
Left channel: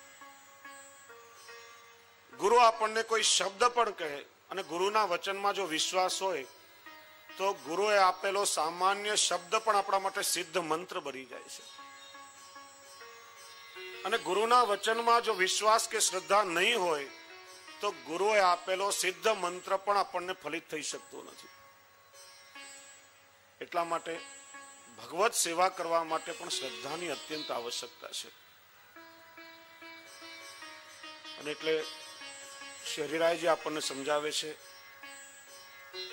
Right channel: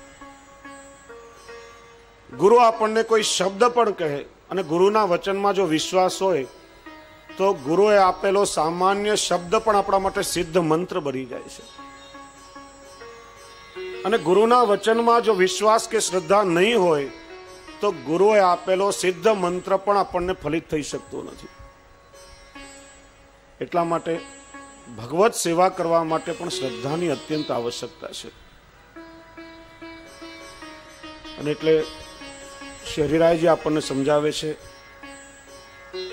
ગુરુ આપણને કોઈ શબ્દ પણ કહે અને ગુરુના વચનમાં જો વિશ્વાસ હોય તો ગુરુએ આપેલો સામાન્ય શબ્દ પણ આપણા માટે સિદ્ધ મંત્ર બની જાય છે. અને ગુરુના વચનમાં જો વિશ્વાસ કે શ્રદ્ધા નહીં હોય તો ગુરુએ આપેલો સિદ્ધ મંત્ર પણ આપણને ફલિત થઈ શકતો નથી. એટલા માટે ભગવત સેવા કરવા માટે પણ શ્રદ્ધાની અત્યંત આવશ્યકતા છે. અને એટલે શ્રી હરિરાયજી આપણને સમજાવે છે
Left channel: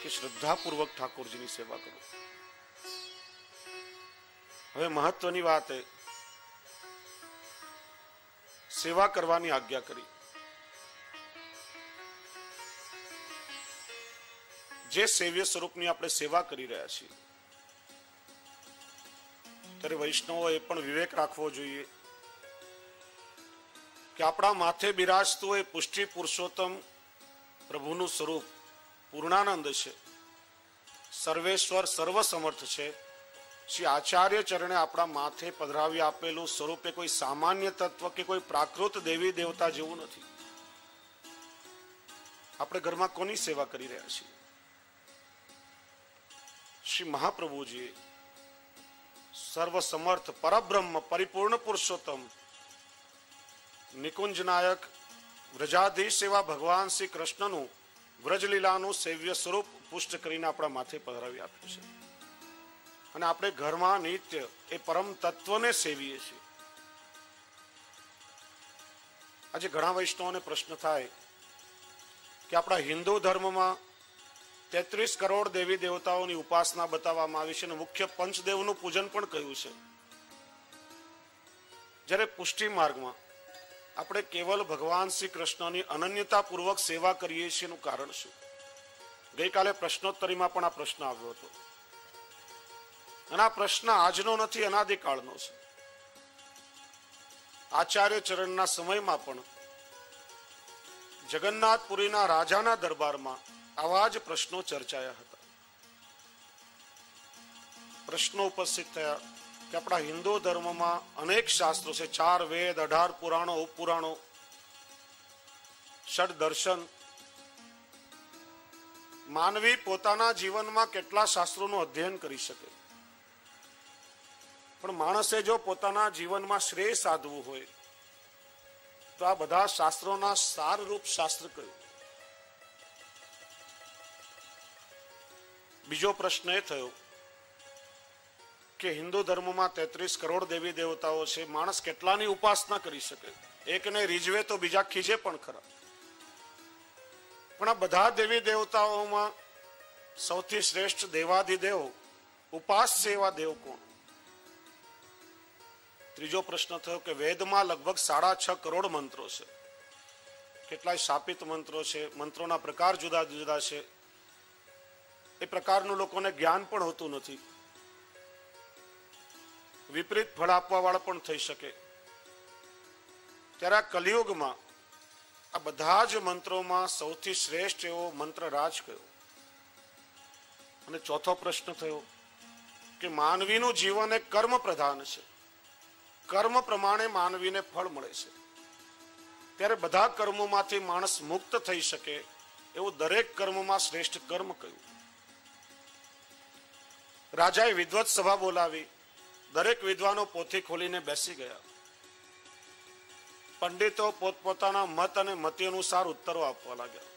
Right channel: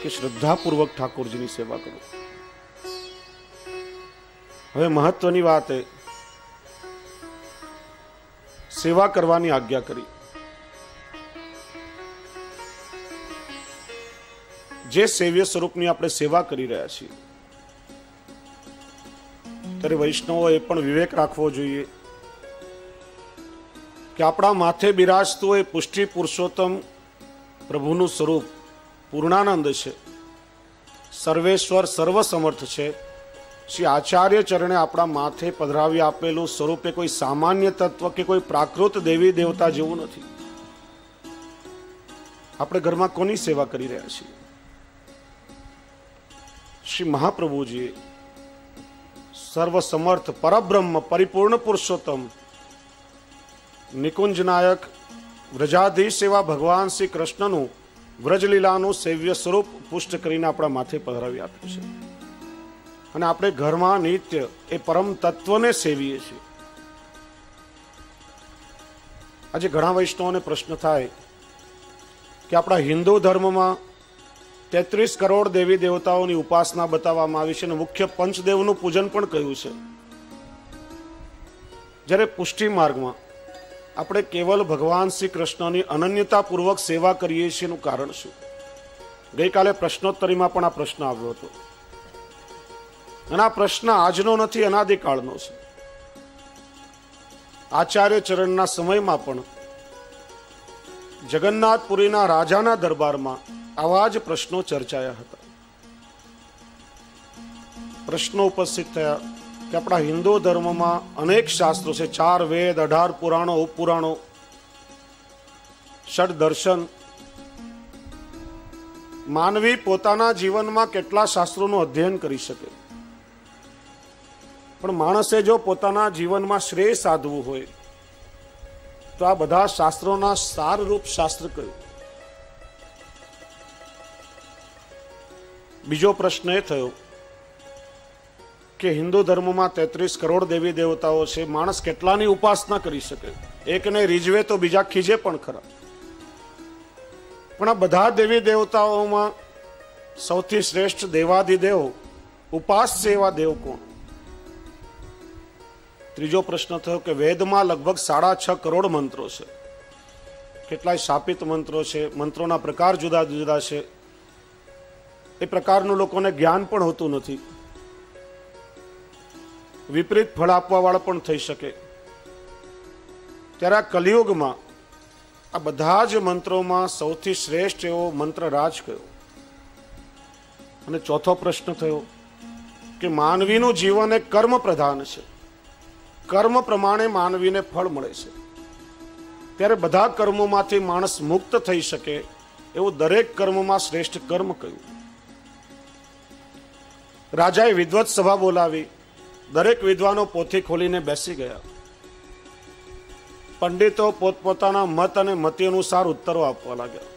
કે શ્રદ્ધાપૂર્વક ઠાકોરજીની સેવા કરો. હવે મહત્વની વાત એ સેવા કરવાની આજ્ઞા કરી. જે સેવ્ય સ્વરૂપની આપણે સેવા કરી રહ્યા છીએ ત્યારે વૈષ્ણવો એ પણ વિવેક રાખવો જોઈએ કે આપણા માથે બિરાજતું એ પુષ્ટિ પુરુષોત્તમ પ્રભુનું સ્વરૂપ પૂર્ણાનંદ છે, સર્વેશ્વર સર્વસમર્થ છે. શ્રી આચાર્ય ચરણે આપણા માથે પધરાવી આપેલું સ્વરૂપ એ કોઈ સામાન્ય તત્વ કે કોઈ પ્રાકૃત દેવી દેવતા જેવું નથી. આપણે ઘરમાં કોની સેવા કરી રહ્યા છીએ? શ્રી મહાપ્રભુજીએ સર્વસમર્થ પરબ્રહ્મ પરિપૂર્ણ પુરુષોત્તમ નિકુંજ નાયક વ્રજાધીશ એવા ભગવાન શ્રી કૃષ્ણનું વ્રજલીલાનું સેવ્ય સ્વરૂપ પુષ્ટ કરીને આપણા માથે પધરાવી આપ્યું છે અને આપણે ઘરમાં નિત્ય એ પરમ તત્વને સેવીએ છીએ. આજે ઘણા વૈષ્ણવોને પ્રશ્ન થાય કે આપણા હિન્દુ ધર્મમાં 33 કરોડ દેવી દેવતાઓની ઉપાસના બતાવવામાં આવી છે અને મુખ્ય પંચદેવનું પૂજન પણ કહ્યું છે. જ્યારે પુષ્ટિ માર્ગમાં આપણે કેવલ ભગવાન શ્રી કૃષ્ણની અનન્યતાપૂર્વક સેવા કરીએ છીએ એનું કારણ શું? ગઈકાલે પ્રશ્નોત્તરીમાં પણ આ પ્રશ્ન આવ્યો હતો અને આ પ્રશ્ન આજનો નથી, અનાદિકાળનો છે. આચાર્ય ચરણના સમયમાં પણ જગન્નાથપુરીના રાજાના દરબારમાં આવા જ પ્રશ્નો ચર્ચાયા હતા. પ્રશ્નો ઉપસ્થિત થયા કે આપણા હિન્દુ ધર્મમાં અનેક શાસ્ત્રો છે, 4 વેદ, 18 પુરાણો, ઉપપુરાણો, ષડ દર્શન. માનવી પોતાના જીવનમાં કેટલા શાસ્ત્રોનું અધ્યયન કરી શકે, પણ માણસે જો પોતાના જીવનમાં શ્રેય સાધવું હોય તો આ બધા શાસ્ત્રોના સારરૂપ શાસ્ત્ર કયું? બીજો પ્રશ્ન એ થયો કે હિન્દુ ધર્મમાં 33 કરોડ દેવી દેવતાઓ છે, માણસ કેટલાની ઉપાસના કરી શકે? એકને રીઝવે તો બીજા ખીજે પણ ખરા. પણ આ બધા દેવી દેવતાઓમાં સૌથી શ્રેષ્ઠ દેવાધિદેવ ઉપાસ્ય એવા દેવ કોણ? ત્રીજો પ્રશ્ન થયો કે વેદમાં લગભગ 6.5 કરોડ મંત્રો છે. કેટલાય શાપિત મંત્રો છે, મંત્રોના પ્રકાર જુદા જુદા છે. એ પ્રકારનું લોકોને જ્ઞાન પણ હોતું નથી. વિપરીત ફળ આપવા વાળા પણ થઈ શકે. ત્યારે આ કલિયુગમાં આ બધા જ મંત્રોમાં સૌથી શ્રેષ્ઠ એવો મંત્ર રાજ કયો? અને ચોથો પ્રશ્ન થયો કે માનવીનું જીવન એક કર્મ પ્રધાન છે, કર્મ પ્રમાણે માનવીને ફળ મળે છે. ત્યારે બધા કર્મોમાંથી માણસ મુક્ત થઈ શકે એવું દરેક કર્મમાં શ્રેષ્ઠ કર્મ કયું? રાજાએ વિદ્વત સભા બોલાવી. દરેક વિદ્વાનો પોથી ખોલીને બેસી ગયા. પંડિતો પોતપોતાના મત અને મતિ અનુસાર ઉત્તરો આપવા લાગ્યા.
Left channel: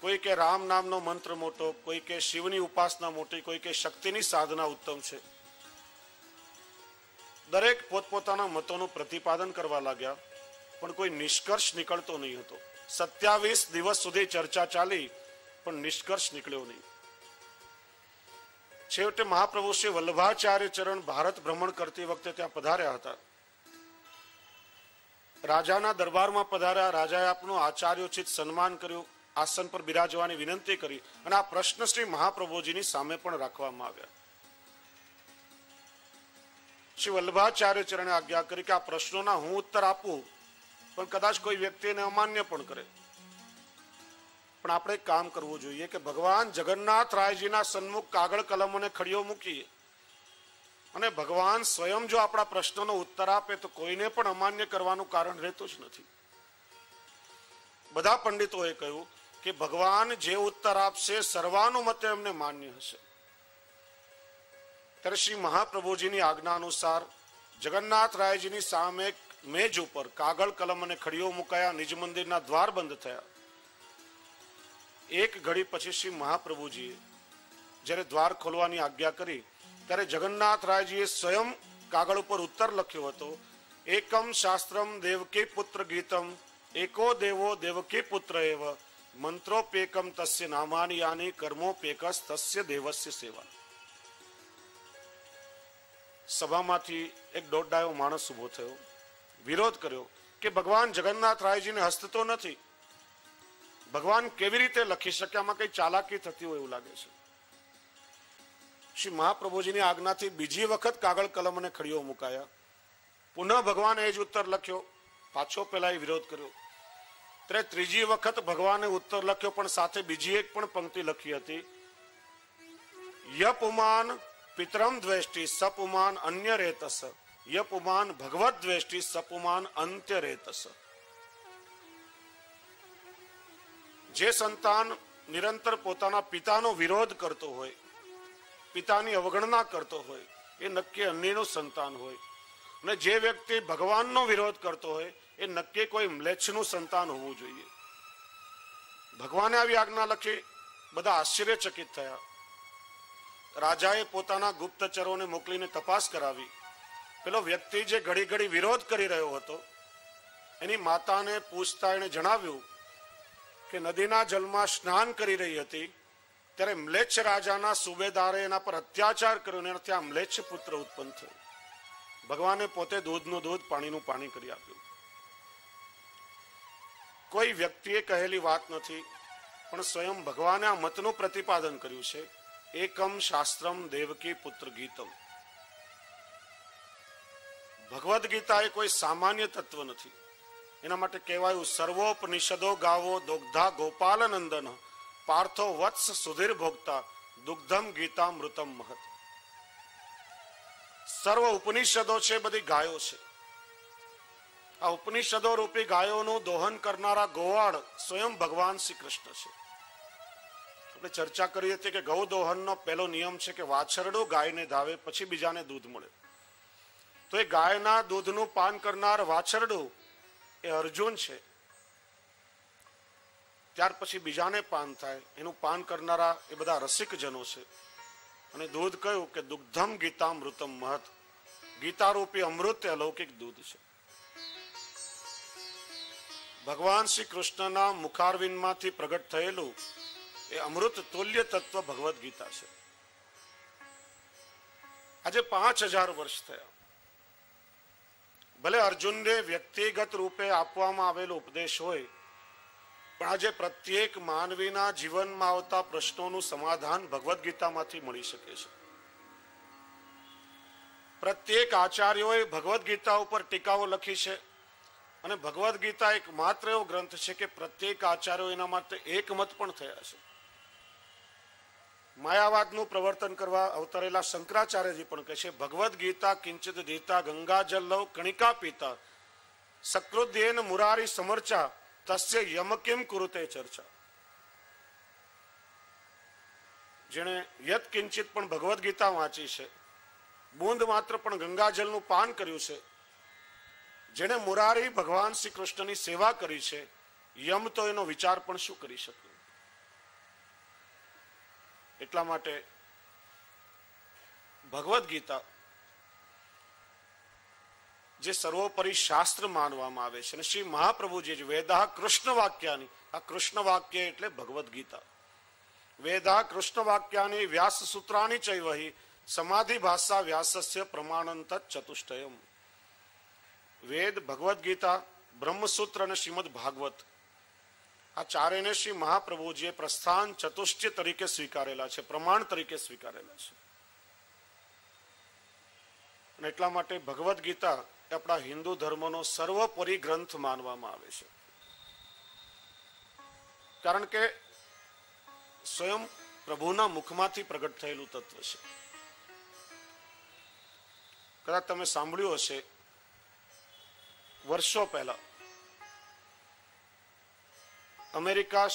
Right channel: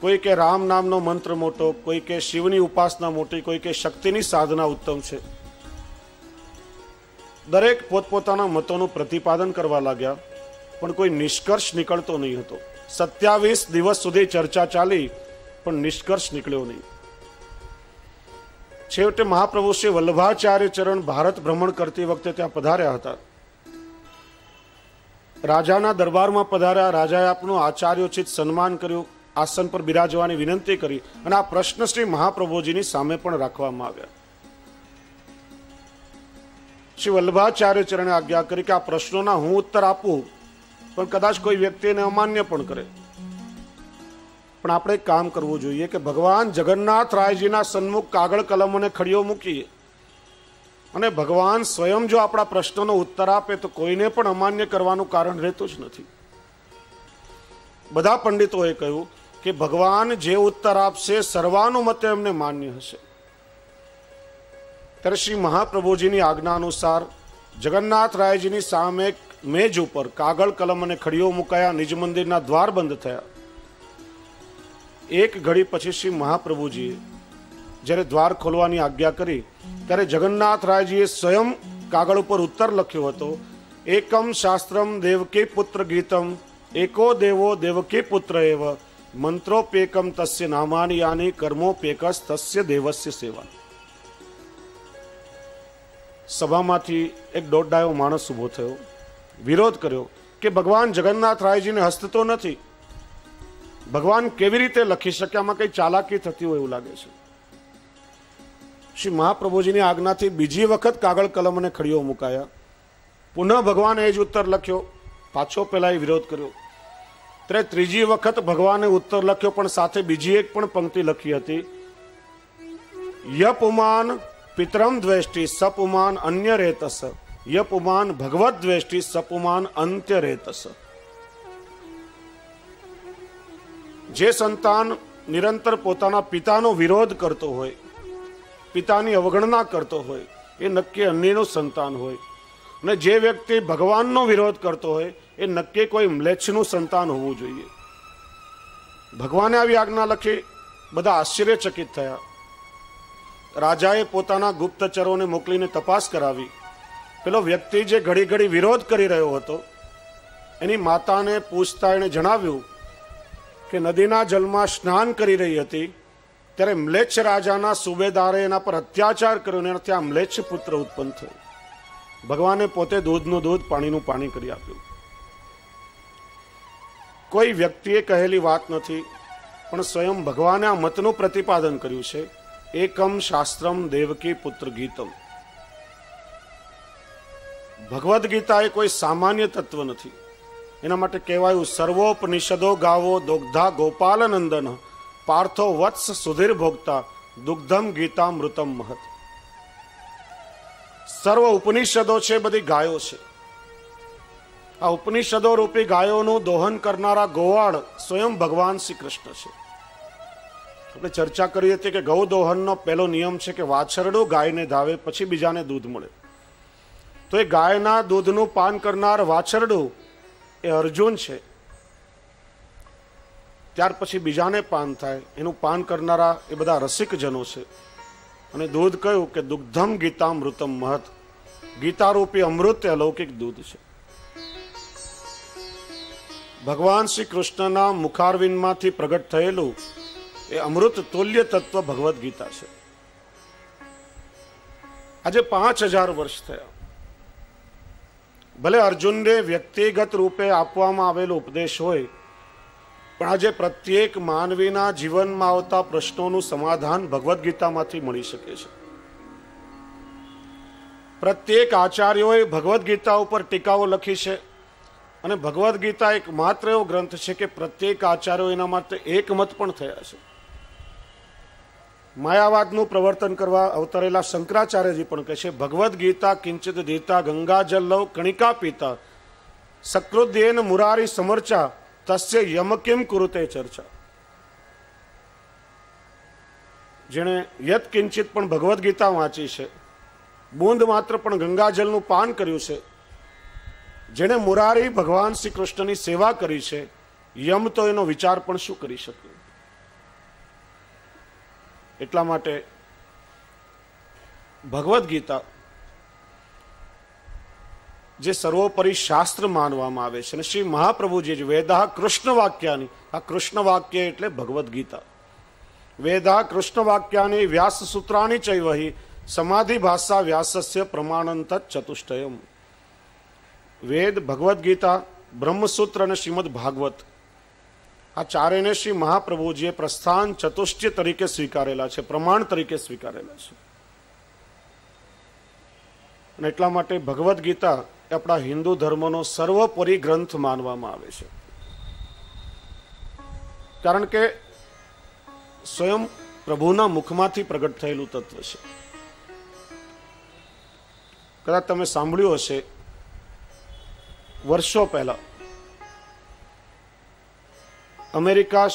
કોઈ કે રામ નામનો મંત્ર મોટો, કોઈ કે શિવની ઉપાસના મોટી, કોઈ કે શક્તિની સાધના ઉત્તમ છે. દરેક પોતપોતાના મતોનું પ્રતિપાદન કરવા લાગ્યા, પણ કોઈ નિષ્કર્ષ નીકળતો નહીં હતો. 27 દિવસ સુધી ચર્ચા ચાલી, પણ નિષ્કર્ષ નીકળ્યો નહીં. છેવટે મહાપ્રભુ શ્રી વલ્લભાચાર્ય ચરણ ભારત ભ્રમણ કરતી વખતે ત્યાં પધાર્યા હતા. રાજાના દરબારમાં પધાર્યા. રાજાએ આપનું આચાર્યોચિત સન્માન કર્યું, આસન પર બિરાજવાની વિનંતી કરી અને આ પ્રશ્ન શ્રી મહાપ્રભુજીની સામે પણ રાખવામાં આવ્યા. શ્રી વલ્લભાચાર્ય ચરણે આજ્ઞા કરી કે આ પ્રશ્નોના હું ઉત્તર આપું, પણ કદાચ કોઈ વ્યક્તિ એને અમાન્ય પણ કરે. પણ આપણે એક કામ કરવું જોઈએ કે ભગવાન જગન્નાથ રાયજીના સન્મુખ કાગળ કલમ અને ખડીઓ મૂકીએ અને ભગવાન સ્વયં જો આપણા પ્રશ્નોનો ઉત્તર આપે તો કોઈને પણ અમાન્ય કરવાનું કારણ રહેતું જ નથી. બધા પંડિતોએ કહ્યું કે ભગવાન જે ઉત્તર આપશે સર્વાનુમતે એમને માન્ય હશે. ત્યારે શ્રી મહાપ્રભુજીની આજ્ઞા અનુસાર જગન્નાથ રાયજીની સામે મેજ ઉપર કાગળ કલમ અને ખડીઓ મુકાયા. નિજ મંદિરના દ્વાર બંધ થયા. એક ઘડી પછી શ્રી મહાપ્રભુજીએ જ્યારે દ્વાર ખોલવાની આજ્ઞા કરી ત્યારે જગન્નાથ રાયજીએ સ્વયં કાગળ ઉપર ઉત્તર લખ્યો હતો. એકમ શાસ્ત્રમ દેવકી પુત્ર ગીતમ, એકો દેવો દેવકી પુત્ર એવ, મંત્રોપેકમ તસ્ય નામાની યાની, કર્મોપેકસ તસ્ય દેવસ્ય સેવા. સભામાંથી એક દોઢડાયો માણસ ઉભો થયો, વિરોધ કર્યો કે ભગવાન જગન્નાથ રાયજીને હસ્ત તો નથી, ભગવાન કેવી રીતે લખી શકે? આમાં કઈ ચાલાકી થતી હોય એવું લાગે છે. શ્રી મહાપ્રભુજીની આજ્ઞાથી બીજી વખત કાગળ કલમ અને ખડીઓ મુકાયા. પુનઃ ભગવાને એ જ ઉત્તર લખ્યો. પાછો પેલા વિરોધ કર્યો. ત્યારે ત્રીજી વખત ભગવાને ઉત્તર લખ્યો, પણ સાથે બીજી એક પણ પંક્તિ લખી હતી. યપુમાન પિતરમ દ્વેષ્ટિ સપુમાન અન્ય રેતસ, યપુમાન ભગવત દ્વેષ્ટિ સપુમાન અંત્ય રેતસ. જે સંતાન નિરંતર પોતાના પિતાનો વિરોધ કરતો હોય, પિતાની અવગણના કરતો હોય, એ નક્કી અન્યનું સંતાન હોય. અને જે વ્યક્તિ ભગવાનનો વિરોધ કરતો હોય એ નક્કી કોઈ મ્લેચ્છનું સંતાન હોવું જોઈએ. ભગવાને આવી આજ્ઞા લખી, બધા આશ્ચર્યચકિત થયા. રાજાએ પોતાના ગુપ્તચરોને મોકલીને તપાસ કરાવી. પેલો વ્યક્તિ જે ઘડી ઘડી વિરોધ કરી રહ્યો હતો, એની માતાને પૂછતા એણે જણાવ્યું કે નદીના જલમાં સ્નાન કરી રહી હતી ત્યારે મ્લેચ્છ રાજાના સુબેદારે એના પર અત્યાચાર કર્યો અને ત્યાં મ્લેચ્છ પુત્ર ઉત્પન્ન થયો. ભગવાને પોતે દૂધનું દૂધ, પાણીનું પાણી કરી આપ્યું. કોઈ વ્યક્તિએ કહેલી વાત નથી, પણ સ્વયં ભગવાને આ મતનું પ્રતિપાદન કર્યું છે. એકમ શાસ્ત્રમ દેવકી પુત્ર ગીતમ. ભગવદ્ ગીતા એ કોઈ સામાન્ય તત્વ નથી. એના માટે કહેવાયું, સર્વોપનિષદો ગાવો દોગ્ધા ગોપાલ નંદન પાર્થો વત્સ સુધીર ભોગતા દુગ્ધમ ગીતા મૃતમ મહત. સર્વ ઉપનિષદો છે, બધી ગાયો છે. આ ઉપનિષદો રૂપી ગાયોનું દોહન કરનારા ગોવાળ સ્વયં ભગવાન શ્રી કૃષ્ણ છે. આપણે ચર્ચા કરી હતી કે ગૌ દોહનનો પહેલો નિયમ છે કે વાછરડું ગાયને ધાવે પછી બીજાને દૂધ મળે. તો એ ગાયના દૂધનું પાન કરનાર વાછરડું એ અર્જુન છે. ત્યાર પછી બીજાને પાન થાય, એનું પાન કરનારા એ બધા રસિકજનો છે. અને દૂધ કયું કે દુગ્ધમ ગીતા મૃતમ મહત. ગીતારૂપી અમૃત એ અલૌકિક દૂધ છે. ભગવાન શ્રી કૃષ્ણના મુખારવિંદમાંથી પ્રગટ થયેલું એ અમૃત તુલ્ય તત્વ ભગવદ્ ગીતા છે. આજે 5000 વર્ષ થયા. ભલે અર્જુનને વ્યક્તિગત રૂપે આપવામાં આવેલો ઉપદેશ હોય, પણ આજે પ્રત્યેક માનવીના જીવનમાં આવતા પ્રશ્નોનું સમાધાન ભગવદ્ ગીતામાંથી મળી શકે છે. પ્રત્યેક આચાર્યોએ ભગવદ્ ગીતા ઉપર ટીકાઓ લખી છે. અને ભગવદ્ ગીતા એક માત્ર એવો ગ્રંથ છે કે પ્રત્યેક આચાર્યો એના માટે એકમત પણ થયા છે. માયાવાદનું પ્રવર્તન કરવા અવતરેલા શંકરાચાર્યજી પણ કહે છે, ભગવદ્ ગીતા કિંચિત દીતા ગંગાજલ લવ કણિકા પીતા સકૃદ્યેન મુરારી સમર્ચા તસ્ય યમ કિમ કુરુતે ચર્ચા. જેણે યત કિંચિત પણ ભગવદ્ ગીતા વાંચી છે, બૂંદ માત્ર પણ ગંગાજલનું પાન કર્યું છે, જેણે મુરારી ભગવાન શ્રી કૃષ્ણની સેવા કરી છે, યમ તો એનો વિચાર પણ શું કરી શકે. એટલા માટે ભગવદ્ ગીતા જે સર્વોપરી શાસ્ત્ર માનવામાં આવે છે. અને શ્રી મહાપ્રભુજી વેદા કૃષ્ણ વાક્યાની, આ કૃષ્ણ વાક્ય એટલે ભગવદ્ ગીતા. વેદા કૃષ્ણ વાક્યાની વ્યાસ સૂત્રાની ચૈવહી સમાધિ ભાષા વ્યાસસ્ય પ્રમાણંત ચતુષ્ટયમ. વેદ, ભગવદ્ ગીતા, બ્રહ્મસૂત્ર અને શ્રીમદ ભાગવત, આ ચારેયને શ્રી મહાપ્રભુજીએ પ્રસ્થાન ચતુષ્ટય તરીકે સ્વીકારેલા છે, પ્રમાણ તરીકે સ્વીકારેલા છે. અને એટલા માટે ભગવદ્ ગીતા એ આપણા હિન્દુ ધર્મનો સર્વોપરી ગ્રંથ માનવામાં આવે છે. કારણ કે સ્વયં પ્રભુના મુખમાંથી પ્રગટ થયેલું તત્વ છે. કદાચ તમે સાંભળ્યું હશે, વર્ષો પહેલા અમેરિકા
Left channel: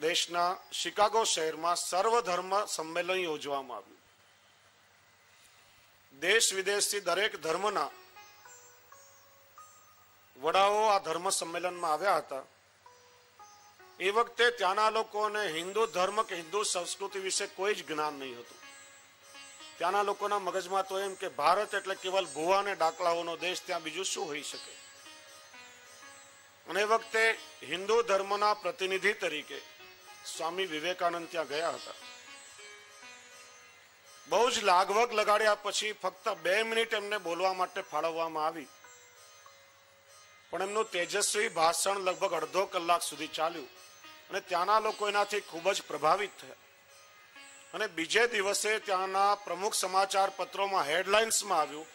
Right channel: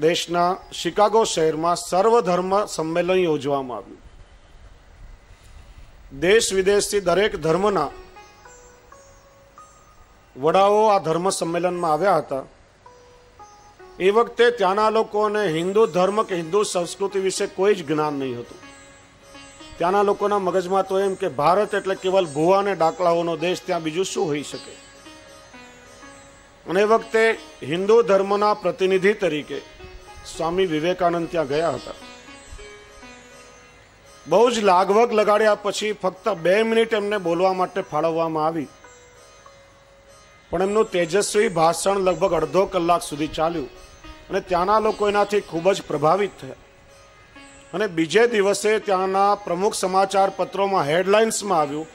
દેશના શિકાગો શહેરમાં સર્વધર્મ સંમેલન યોજવામાં આવ્યું. દેશ વિદેશથી દરેક ધર્મના વડાઓ આ ધર્મ સંમેલનમાં આવ્યા હતા. એ વખતે ત્યાંના લોકોને હિન્દુ ધર્મ કે હિન્દુ સંસ્કૃતિ વિશે કોઈ જ જ્ઞાન નહીં હતું. ત્યાંના લોકોના મગજમાં તો એમ કે ભારત એટલે કેવલ ભૂવા અને ડાકલાઓનો દેશ, ત્યાં બીજું શું હોઈ શકે. અને એ વખતે હિન્દુ ધર્મના પ્રતિનિધિ તરીકે સ્વામી વિવેકાનંદ ત્યાં ગયા હતા. બહુ જ લાગવગ લગાડ્યા પછી ફક્ત 2 મિનિટ એમને બોલવા માટે ફાળવવામાં આવી. પણ એમનું તેજસ્વી ભાષણ લગભગ અડધો કલાક સુધી ચાલ્યું અને ત્યાંના લોકો એનાથી ખૂબ જ પ્રભાવિત થયા. અને બીજે દિવસે ત્યાંના પ્રમુખ સમાચાર પત્રોમાં હેડલાઇન્સમાં આવ્યું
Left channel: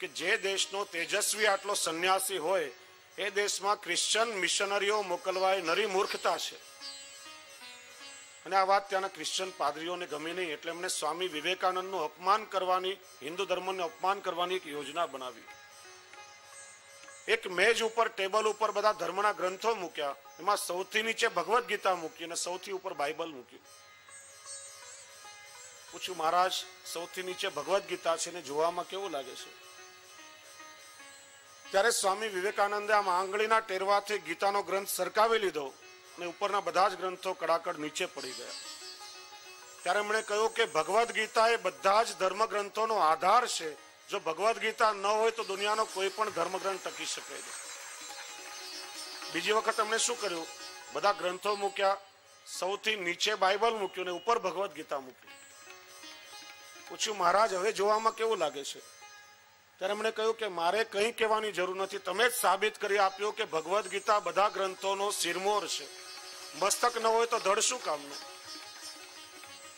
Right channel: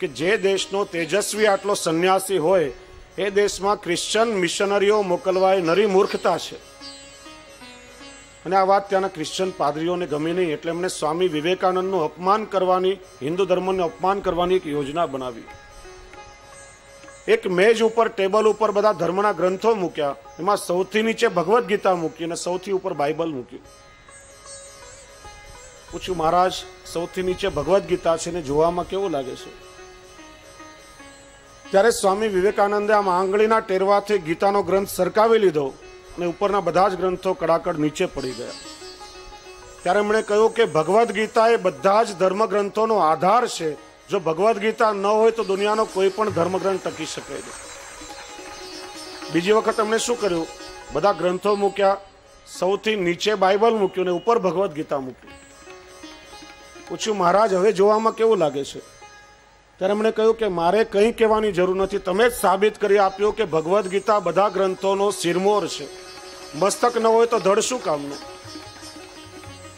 કે જે દેશનો તેજસ્વી આટલો સંન્યાસી હોય એ દેશમાં ક્રિશ્ચન મિશનરીઓ મોકલવા એ નરી મૂર્ખતા છે. અને આ વાત ત્યાંના ક્રિશ્ચન પાદરીઓને ગમી નહીં, એટલે એમણે સ્વામી વિવેકાનંદનું અપમાન કરવાની, હિન્દુ ધર્મનું અપમાન કરવાની એક યોજના બનાવી. એક મેજ ઉપર, ટેબલ ઉપર બધા ધર્મના ગ્રંથો મૂક્યા. એમાં સૌથી નીચે ભગવદ્ ગીતા મૂકી અને સૌથી ઉપર બાઇબલ મૂક્યું. પૂછ્યું, મહારાજ સૌથી નીચે ભગવદ્ ગીતા છે ને જોવામાં કેવું લાગે છે? ત્યારે સ્વામી વિવેકાનંદે આમ આંગળીના ટેરવાથી ગીતાનો ગ્રંથ સરકાવી લીધો અને ઉપરના બધા જ ગ્રંથો કડાકડ નીચે પડી ગયા. ત્યારે એમણે કહ્યું કે ભગવદ્ ગીતા એ બધા જ ધર્મ ગ્રંથોનો આધાર છે. જો ભગવદ્ ગીતા ન હોય તો દુનિયાનો કોઈ પણ ધર્મગ્રંથ ટકી શકે નહીં. બીજી વખત એમણે શું કર્યું? બધા ગ્રંથો મૂક્યા, સૌથી નીચે બાઇબલ મૂક્યું ને ઉપર ભગવદ્ ગીતા મૂક્યું. પૂછ્યું, મહારાજ હવે જોવામાં કેવું લાગે છે? ત્યારે એમણે કહ્યું કે મારે કંઈ કહેવાની જરૂર નથી, તમે જ સાબિત કરી આપ્યું કે ભગવદ્ ગીતા બધા ગ્રંથોનો શિરમોર છે. મસ્તક ન હોય તો ધડ શું કામનું?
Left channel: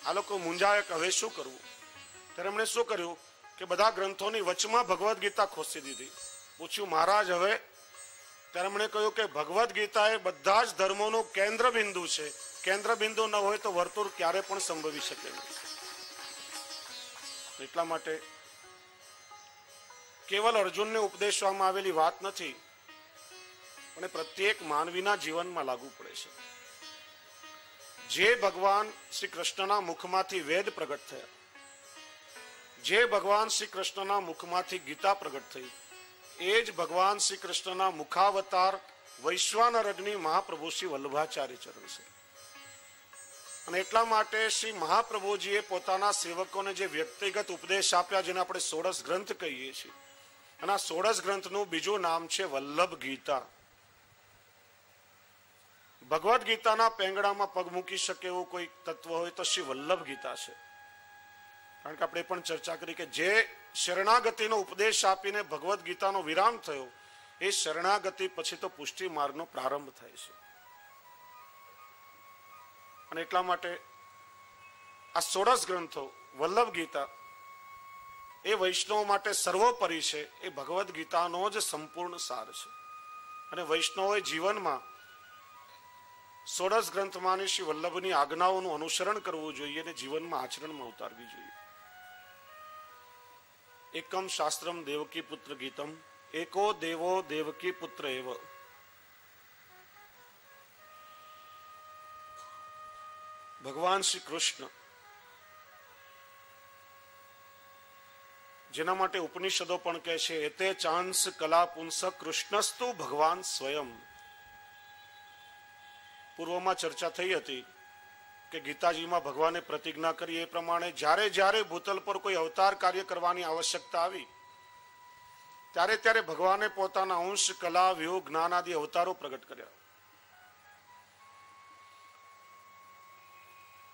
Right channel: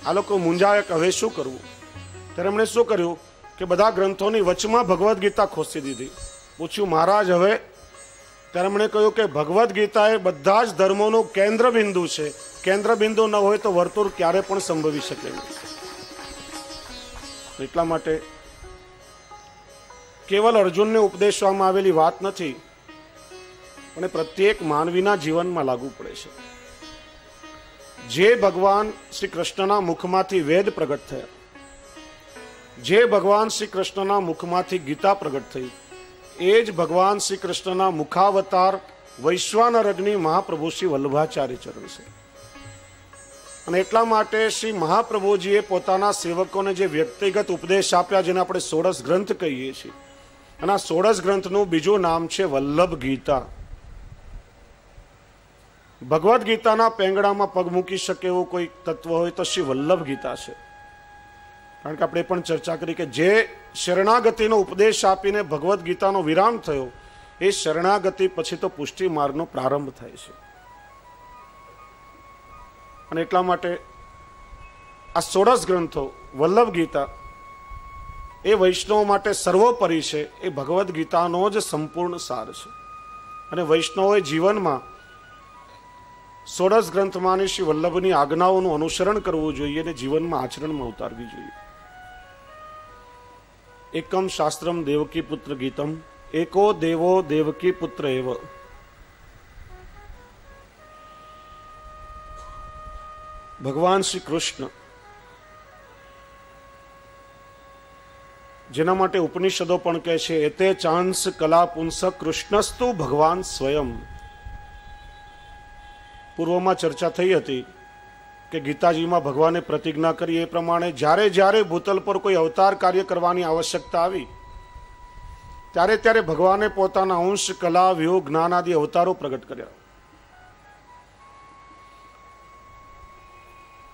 આ લોકો મૂંઝાયા કે હવે શું કરવું? ત્યારે એમણે શું કર્યું કે બધા ગ્રંથોની વચમાં ભગવદ્ ગીતા ખોસી દીધી. પૂછ્યું, મહારાજ હવે? ત્યારે એમણે કહ્યું કે ભગવદ્ ગીતા એ બધા જ ધર્મોનું કેન્દ્ર બિંદુ છે. કેન્દ્ર બિંદુ ન હોય તો વર્તુળ ક્યારે પણ સંભવી શકે નહીં. એટલા માટે કેવલ અર્જુનને ઉપદેશવામાં આવેલી વાત નથી, પણ પ્રત્યેક માનવીના જીવનમાં લાગુ પડે છે. જે ભગવાન શ્રી કૃષ્ણના મુખમાંથી વેદ પ્રગટ થયા, જે ભગવાન શ્રી કૃષ્ણના મુખમાંથી ગીતા પ્રગટ થઈ, એ જ ભગવાન શ્રી કૃષ્ણના મુખાવતાર વૈશ્વાનર અગ્નિ મહાપ્રભુ શ્રી વલ્લભાચાર્ય ચરણ છે. અને એટલા માટે શ્રી મહાપ્રભુજીએ પોતાના સેવકોને જે વ્યક્તિગત ઉપદેશ આપ્યા, જેને આપણે 16 ગ્રંથ કહીએ છીએ, અને આ 16 ગ્રંથનું બીજું નામ છે વલ્લભ ગીતા. ભગવદ્ ગીતાના પેંગડામાં પગ મૂકી શકે એવું કોઈ તત્વ હોય તો શ્રી વલ્લભ ગીતા છે. કારણ કે આપણે પણ ચર્ચા કરી કે જે શરણાગતિનો ઉપદેશ આપીને ભગવદ્ ગીતાનો વિરામ થયો, એ શરણાગતિ પછી તો પુષ્ટિ માર્ગનો પ્રારંભ થાય છે. અને એટલા માટે આ 16 ગ્રંથો વલ્લભ ગીતા એ વૈષ્ણવ માટે સર્વોપરી છે. એ ભગવદ્ ગીતાનો જ સંપૂર્ણ સાર છે. અને વૈષ્ણવોએ જીવનમાં 16 ગ્રંથમાંની શ્રી વલ્લભની આજ્ઞાઓનું અનુસરણ કરવું જોઈએ અને જીવનમાં આચરણમાં ઉતારવી જોઈએ. એકમ શાસ્ત્રમ દેવકી પુત્ર ગીતમ, એકો દેવો દેવકી પુત્ર એવ. ભગવાન શ્રી કૃષ્ણ, જેના માટે ઉપનિષદો પણ કહે છે એતે ચાંસ કલા પુંસ કૃષ્ણસ્તુ ભગવાન સ્વયં. પૂર્વમાં ચર્ચા થઈ હતી કે ગીતાજીમાં ભગવાને પ્રતિજ્ઞા કરી એ પ્રમાણે જ્યારે જ્યારે ભૂતલ પર કોઈ અવતાર કાર્ય કરવાની આવશ્યકતા આવી, ત્યારે ત્યારે ભગવાને પોતાના અંશ, કલા, વ્યુહ, જ્ઞાન આદિ અવતારો પ્રગટ કર્યા.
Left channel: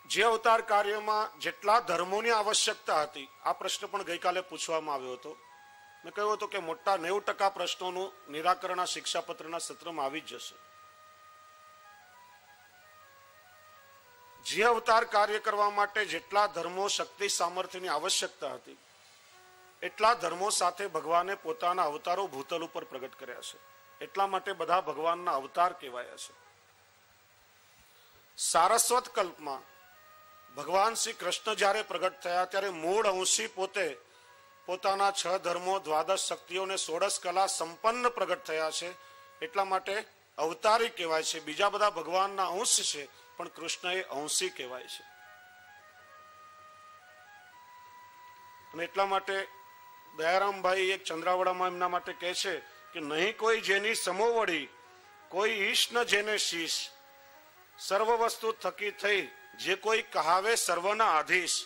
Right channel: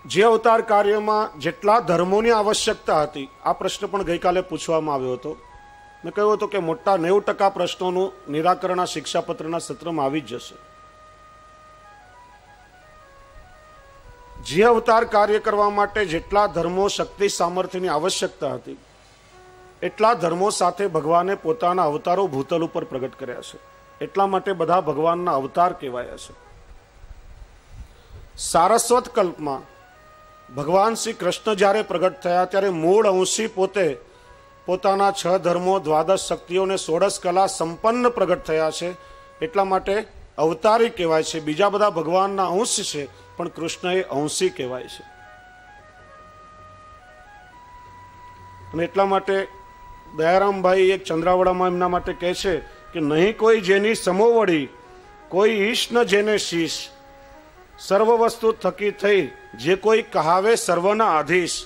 જે અવતાર કાર્યમાં જેટલા ધર્મોની આવશ્યકતા હતી, આ પ્રશ્ન પણ ગઈકાલે પૂછવામાં આવ્યો હતો. મેં કહ્યું હતું કે મોટા 90% પ્રશ્નોનું નિરાકરણ આ શિક્ષાપત્રના સત્રમાં આવી જ જશે. જે અવતાર કાર્ય કરવા માટે જેટલા ધર્મો, શક્તિ, સામર્થ્યની આવશ્યકતા હતી, એટલા ધર્મો સાથે ભગવાને પોતાના અવતારો ભૂતલ ઉપર પ્રગટ કર્યા છે. એટલા માટે બધા ભગવાનના અવતાર કહેવાયા છે. સારસ્વત કલ્પમાં ભગવાન શ્રી કૃષ્ણ જ્યારે પ્રગટ થયા, ત્યારે મૂળ અંશી પોતે પોતાના 6 ધર્મો, 12 શક્તિઓને 16 કલા સંપન્ન પ્રગટ થયા છે. એટલા માટે અવતારી કહેવાય છે. બીજા બધા ભગવાનના અંશ છે, પણ કૃષ્ણ એ અંશી કહેવાય છે. અને એટલા માટે દયારામભાઈ એક ચંદ્રાવડામાં એમના માટે કહે છે કે નહીં કોઈ જેની સમોવડી, કોઈ ઈશ ન જેને શીશ, સર્વ વસ્તુ થકી થઈ જે કોઈ કહાવે સર્વના આધીશ,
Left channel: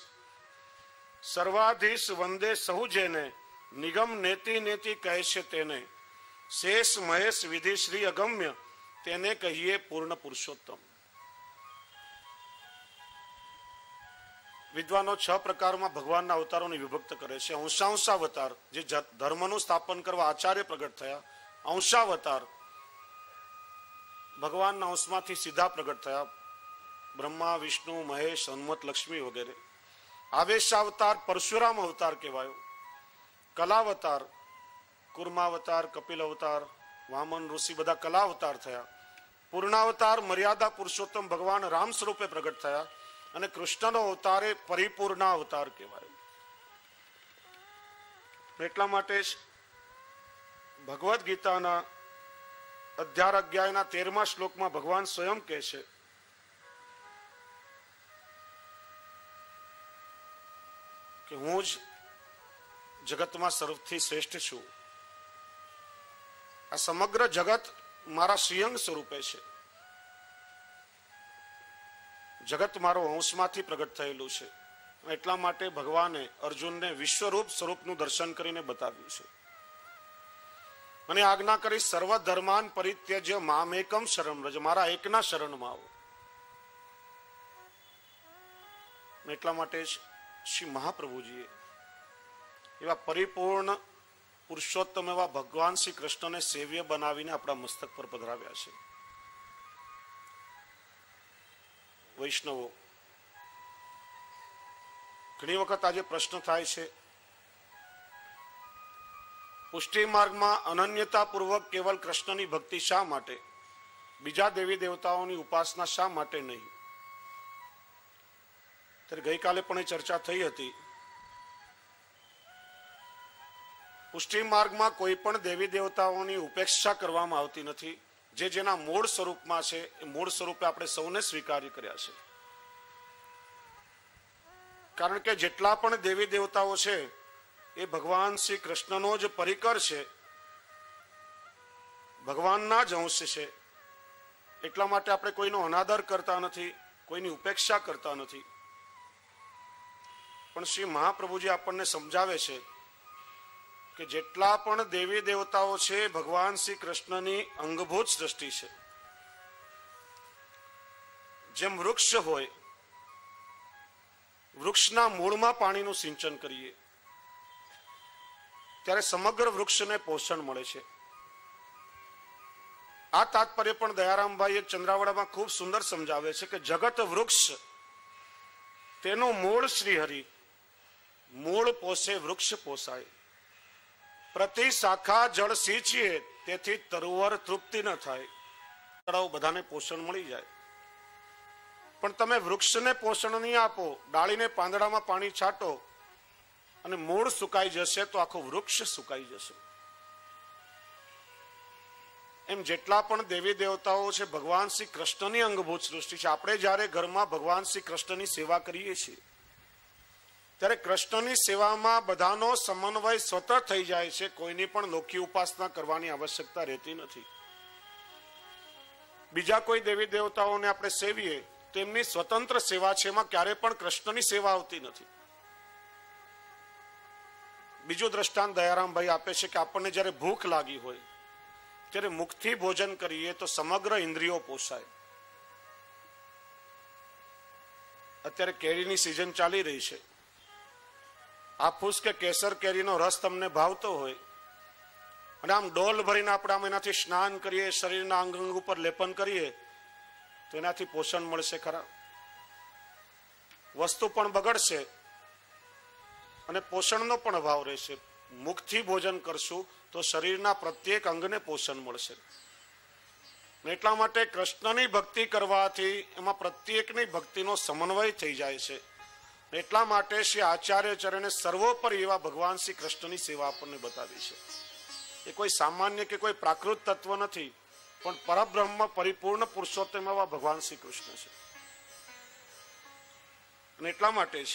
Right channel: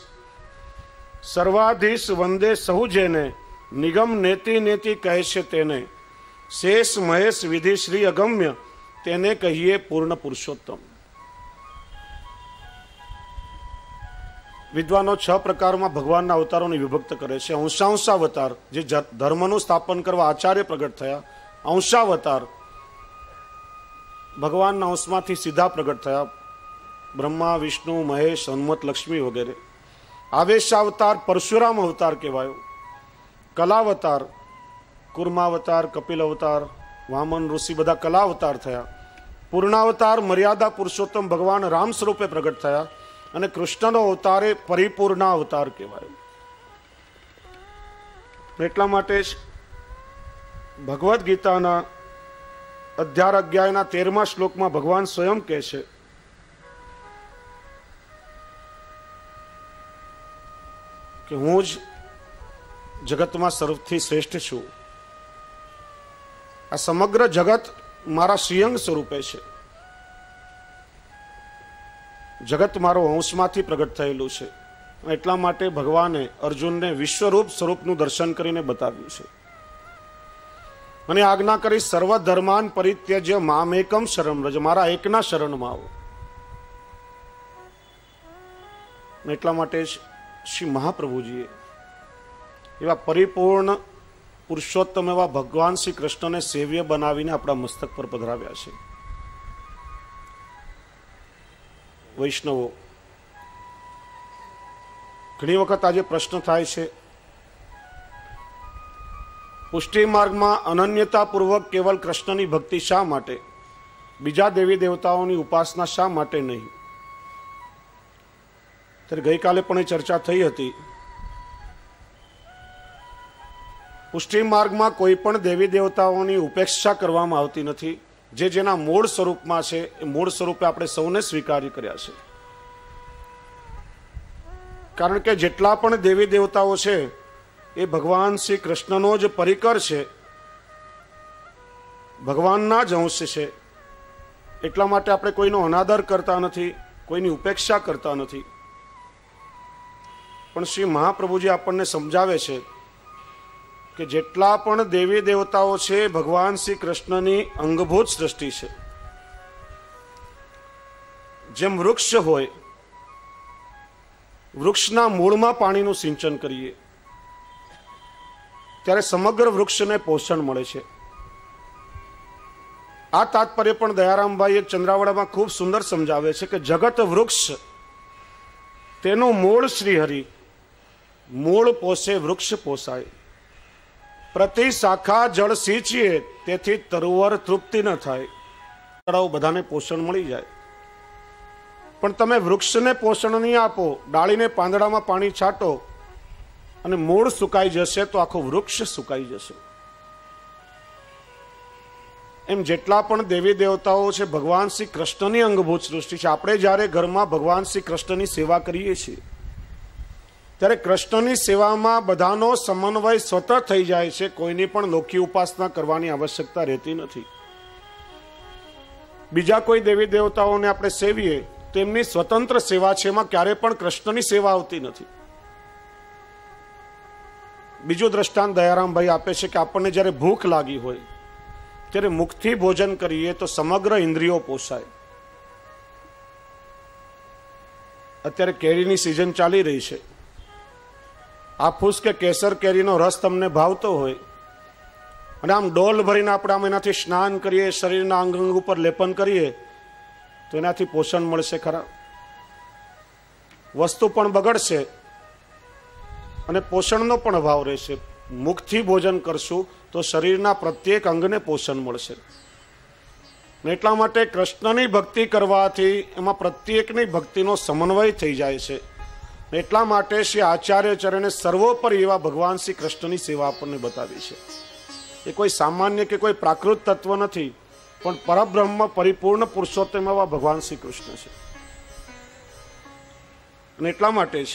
સર્વાધીશ વંદે સહુ જેને, નિગમ નેતિ નેતિ કહે છે તેને, શેષ મહેશ વિધિ શ્રી અગમ્ય, તેને કહીએ પૂર્ણ પુરુષોત્તમ. વિદ્વાનો 6 પ્રકારમાં ભગવાનના અવતારોને વિભક્ત કરે છે. અંશાવતાર, જે ધર્મનું સ્થાપન કરવા આચાર્ય પ્રગટ થયા. અંશાવતાર, ભગવાનના અંશમાંથી સીધા પ્રગટ થયા. બ્રહ્મા, વિષ્ણુ, મહેશ, હનુમત, લક્ષ્મી વગેરે. આવેશાવતાર પરશુરામ અવતાર કહેવાયો. કલાવતાર, કુર્માવતાર, કપિલ અવતાર, વામન ઋષિ, બધા કલા અવતાર થયા. પૂર્ણાવતાર મર્યાદા પુરુષોત્તમ ભગવાન રામ સ્વરૂપે પ્રગટ થયા. અને કૃષ્ણનો અવતાર એ પરિપૂર્ણ અવતાર કહેવાયો. એટલા માટે જ ભગવદ્ ગીતાના 11 અધ્યાયના 13મા શ્લોકમાં ભગવાન સ્વયં કહે છે કે હું જ જગતમાં સર્વથી શ્રેષ્ઠ છું. આ સમગ્ર જગત મારા શ્રીઅંગ સ્વરૂપે છે. જગત મારો અંશમાંથી પ્રગટ થયેલું છે. એટલા માટે ભગવાને અર્જુનને વિશ્વરૂપ સ્વરૂપનું દર્શન કરીને બતાવ્યું છે. મને આજ્ઞા કરી સર્વ ધર્માન પરિત્યજ્ય મામેકમ શરણં વ્રજ, મારા એકના શરણમાં આવો. એટલા માટે જ શ્રી મહાપ્રભુજીએ એવા પરિપૂર્ણ પુરુષોત્તમ એવા ભગવાન શ્રી કૃષ્ણને સેવ્ય બનાવીને આપણા મસ્તક પર પધરાવ્યા છે. વૈષ્ણવો, ઘણી વખત આજે પ્રશ્ન થાય છે, પુષ્ટિ માર્ગમાં અનન્યતાપૂર્વક કેવલ કૃષ્ણની ભક્તિ શા માટે, બીજા દેવી દેવતાઓની ઉપાસના શા માટે નહીં? ત્યારે ગઈકાલે પણ એ ચર્ચા થઈ હતી. પુષ્ટિ માર્ગમાં કોઈ પણ દેવી દેવતાઓની ઉપેક્ષા કરવામાં આવતી નથી. જે જેના મૂળ સ્વરૂપમાં છે એ મૂળ સ્વરૂપે આપણે સૌને સ્વીકાર્ય કર્યા છે. કારણ કે જેટલા પણ દેવી દેવતાઓ છે એ ભગવાન શ્રી કૃષ્ણનો જ પરિકર છે, ભગવાનના જ અંશ છે. એટલા માટે આપણે કોઈનો અનાદર કરતા નથી, કોઈની ઉપેક્ષા કરતા નથી. પણ શ્રી મહાપ્રભુજી આપણને સમજાવે છે કે જેટલા પણ દેવી દેવતાઓ છે ભગવાન શ્રી કૃષ્ણની અંગભૂત સૃષ્ટિ છે. જેમ વૃક્ષ હોય, વૃક્ષના મૂળમાં પાણીનું સિંચન કરીએ ત્યારે સમગ્ર વૃક્ષને પોષણ મળે છે. આ તાત્પર્ય પણ દયારામભાઈ એક ચંદ્રાવડામાં ખૂબ સુંદર સમજાવે છે કે જગત વૃક્ષ, તેનું મૂળ શ્રીહરિ, મૂળ પોષે વૃક્ષ પોસાય. પ્રતિ શાખા જળ સિંચીએ તેથી તરુવર તૃપ્તિ ન થાય. તળાવ બધાને પોષણ મળી જાય, પણ તમે વૃક્ષને પોષણ નહીં આપો, ડાળીને પાંદડામાં પાણી છાંટો અને મૂળ સુકાઈ જશે તો આખું વૃક્ષ સુકાઈ જશે. એમ જેટલા પણ દેવી દેવતાઓ છે ભગવાન શ્રી કૃષ્ણની અંગભૂત સૃષ્ટિ છે. આપણે જ્યારે ઘરમાં ભગવાન શ્રી કૃષ્ણની સેવા કરીએ છીએ ત્યારે કૃષ્ણની સેવામાં બધાનો સમન્વય સ્વતઃ થઈ જાય છે. કોઈની પણ લોકી ઉપાસના કરવાની આવશ્યકતા રહેતી નથી. બીજા કોઈ દેવી દેવતાઓને આપણે સેવીએ તેમની સ્વતંત્ર સેવા છે, એમાં ક્યારે પણ કૃષ્ણની સેવા આવતી નથી. બીજું દ્રષ્ટાંત દયારામભાઈ આપે છે કે આપણને જ્યારે ભૂખ લાગી હોય ત્યારે મુખથી ભોજન કરીએ તો સમગ્ર ઇન્દ્રિયો પોષાય. અત્યારે કેરીની સિઝન ચાલી રહી છે. હાફૂસ કે કેસર કેરીનો રસ તમને ભાવતો હોય અને આમ ડોલ ભરીને આપણે આમ એનાથી સ્નાન કરીએ, શરીરના અંગ અંગ ઉપર લેપન કરીએ તો એનાથી પોષણ મળશે ખરા? વસ્તુ પણ બગડશે અને પોષણનો પણ અભાવ રહેશે. મુખથી ભોજન કરશું તો શરીરના પ્રત્યેક અંગને પોષણ મળશે. એટલા માટે કૃષ્ણની ભક્તિ કરવાથી એમાં પ્રત્યેકની ભક્તિનો સમન્વય થઈ જાય છે. એટલા માટે શ્રી આચાર્ય ચરણે સર્વોપરી એવા ભગવાન શ્રી કૃષ્ણની સેવા આપણને બતાવી છે. એ કોઈ સામાન્ય કે કોઈ પ્રાકૃત તત્વ નથી, પણ પરબ્રહ્મ પરિપૂર્ણ પુરુષોત્તમ એવા ભગવાન શ્રી કૃષ્ણ છે. અને એટલા માટે જ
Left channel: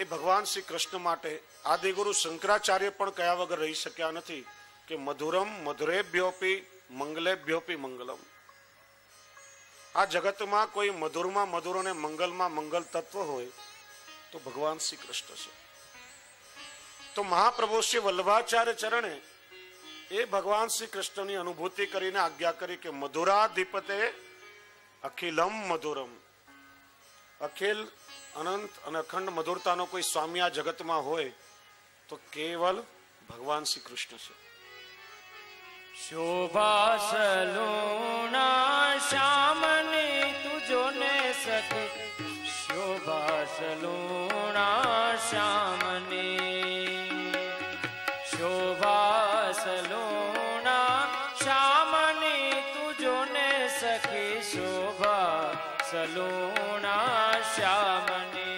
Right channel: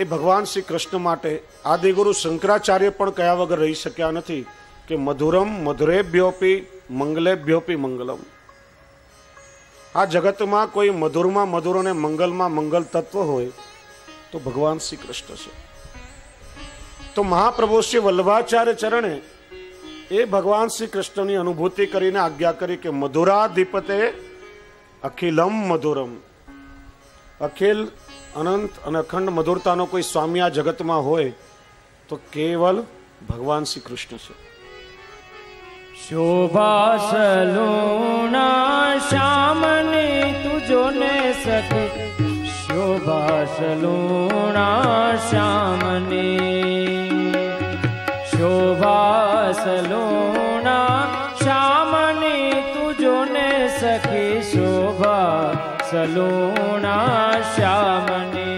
એ ભગવાન શ્રી કૃષ્ણ માટે આદિગુરુ શંકરાચાર્ય પણ કયા વગર રહી શક્યા નથી કે મધુરમ મધુરેભ્યોપી મંગલેભ્યોપી મંગલમ. આ જગતમાં કોઈ મધુરમાં મધુર અને મંગલમાં મંગલ તત્વ હોય તો ભગવાન શ્રી કૃષ્ણ છે. તો મહાપ્રભુ શ્રી વલ્લભાચાર્ય ચરણે એ ભગવાન શ્રી કૃષ્ણની અનુભૂતિ કરીને આજ્ઞા કરી કે મધુરાધિપતે અખિલમ મધુરમ. અખિલ, અનંત અને અખંડ મધુરતાનો કોઈ સ્વામી આ જગતમાં હોય તો કેવલ ભગવાન શ્રી કૃષ્ણ છે. શોભા સલુણા શ્યામની તુજો ને સખે, શોભા સલુણા શ્યામની, શોભા સલુણા શ્યામની તુજો ને સખે, શોભા સલુણા શ્યામની.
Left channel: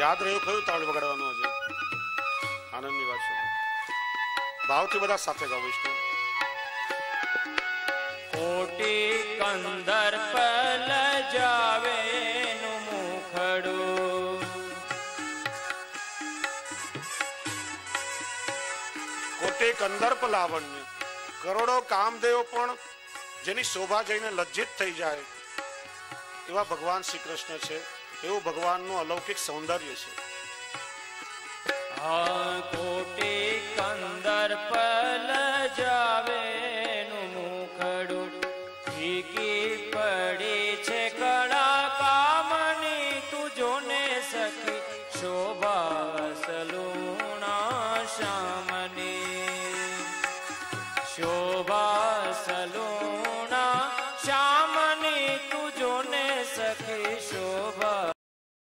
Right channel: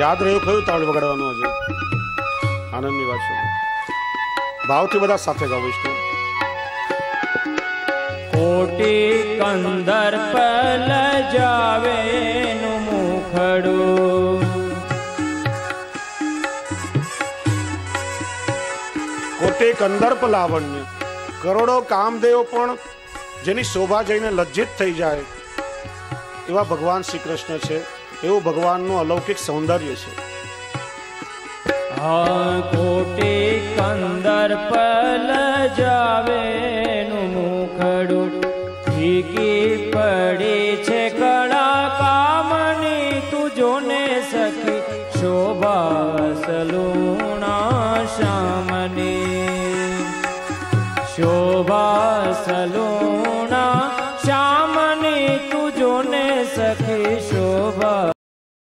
યાદ રહ્યું કયું તાળ વગાડવાનું હશે? આનંદની વાત છે. ભાવથી બધા સાથે ગાઓ વિષ્ણુ. કોટી કંદર પલ જાવે નું મુખડું, કોટે કંદર્પ લાવણ્ય, કરોડો કામદેવ પણ જેની શોભા જોઈને લજ્જિત થઈ જાય એવા ભગવાન શ્રી કૃષ્ણ છે. એવું ભગવાનનું અલૌકિક સૌંદર્ય છે. કોટી કંદર્પ લજાવે નું મુખડું, ફીકી પડી છે કળા કામની તુજો ને સખી શોભા સલુણા શ્યામની. શોભા સલુણા શ્યામની તુજો ને સખી શોભા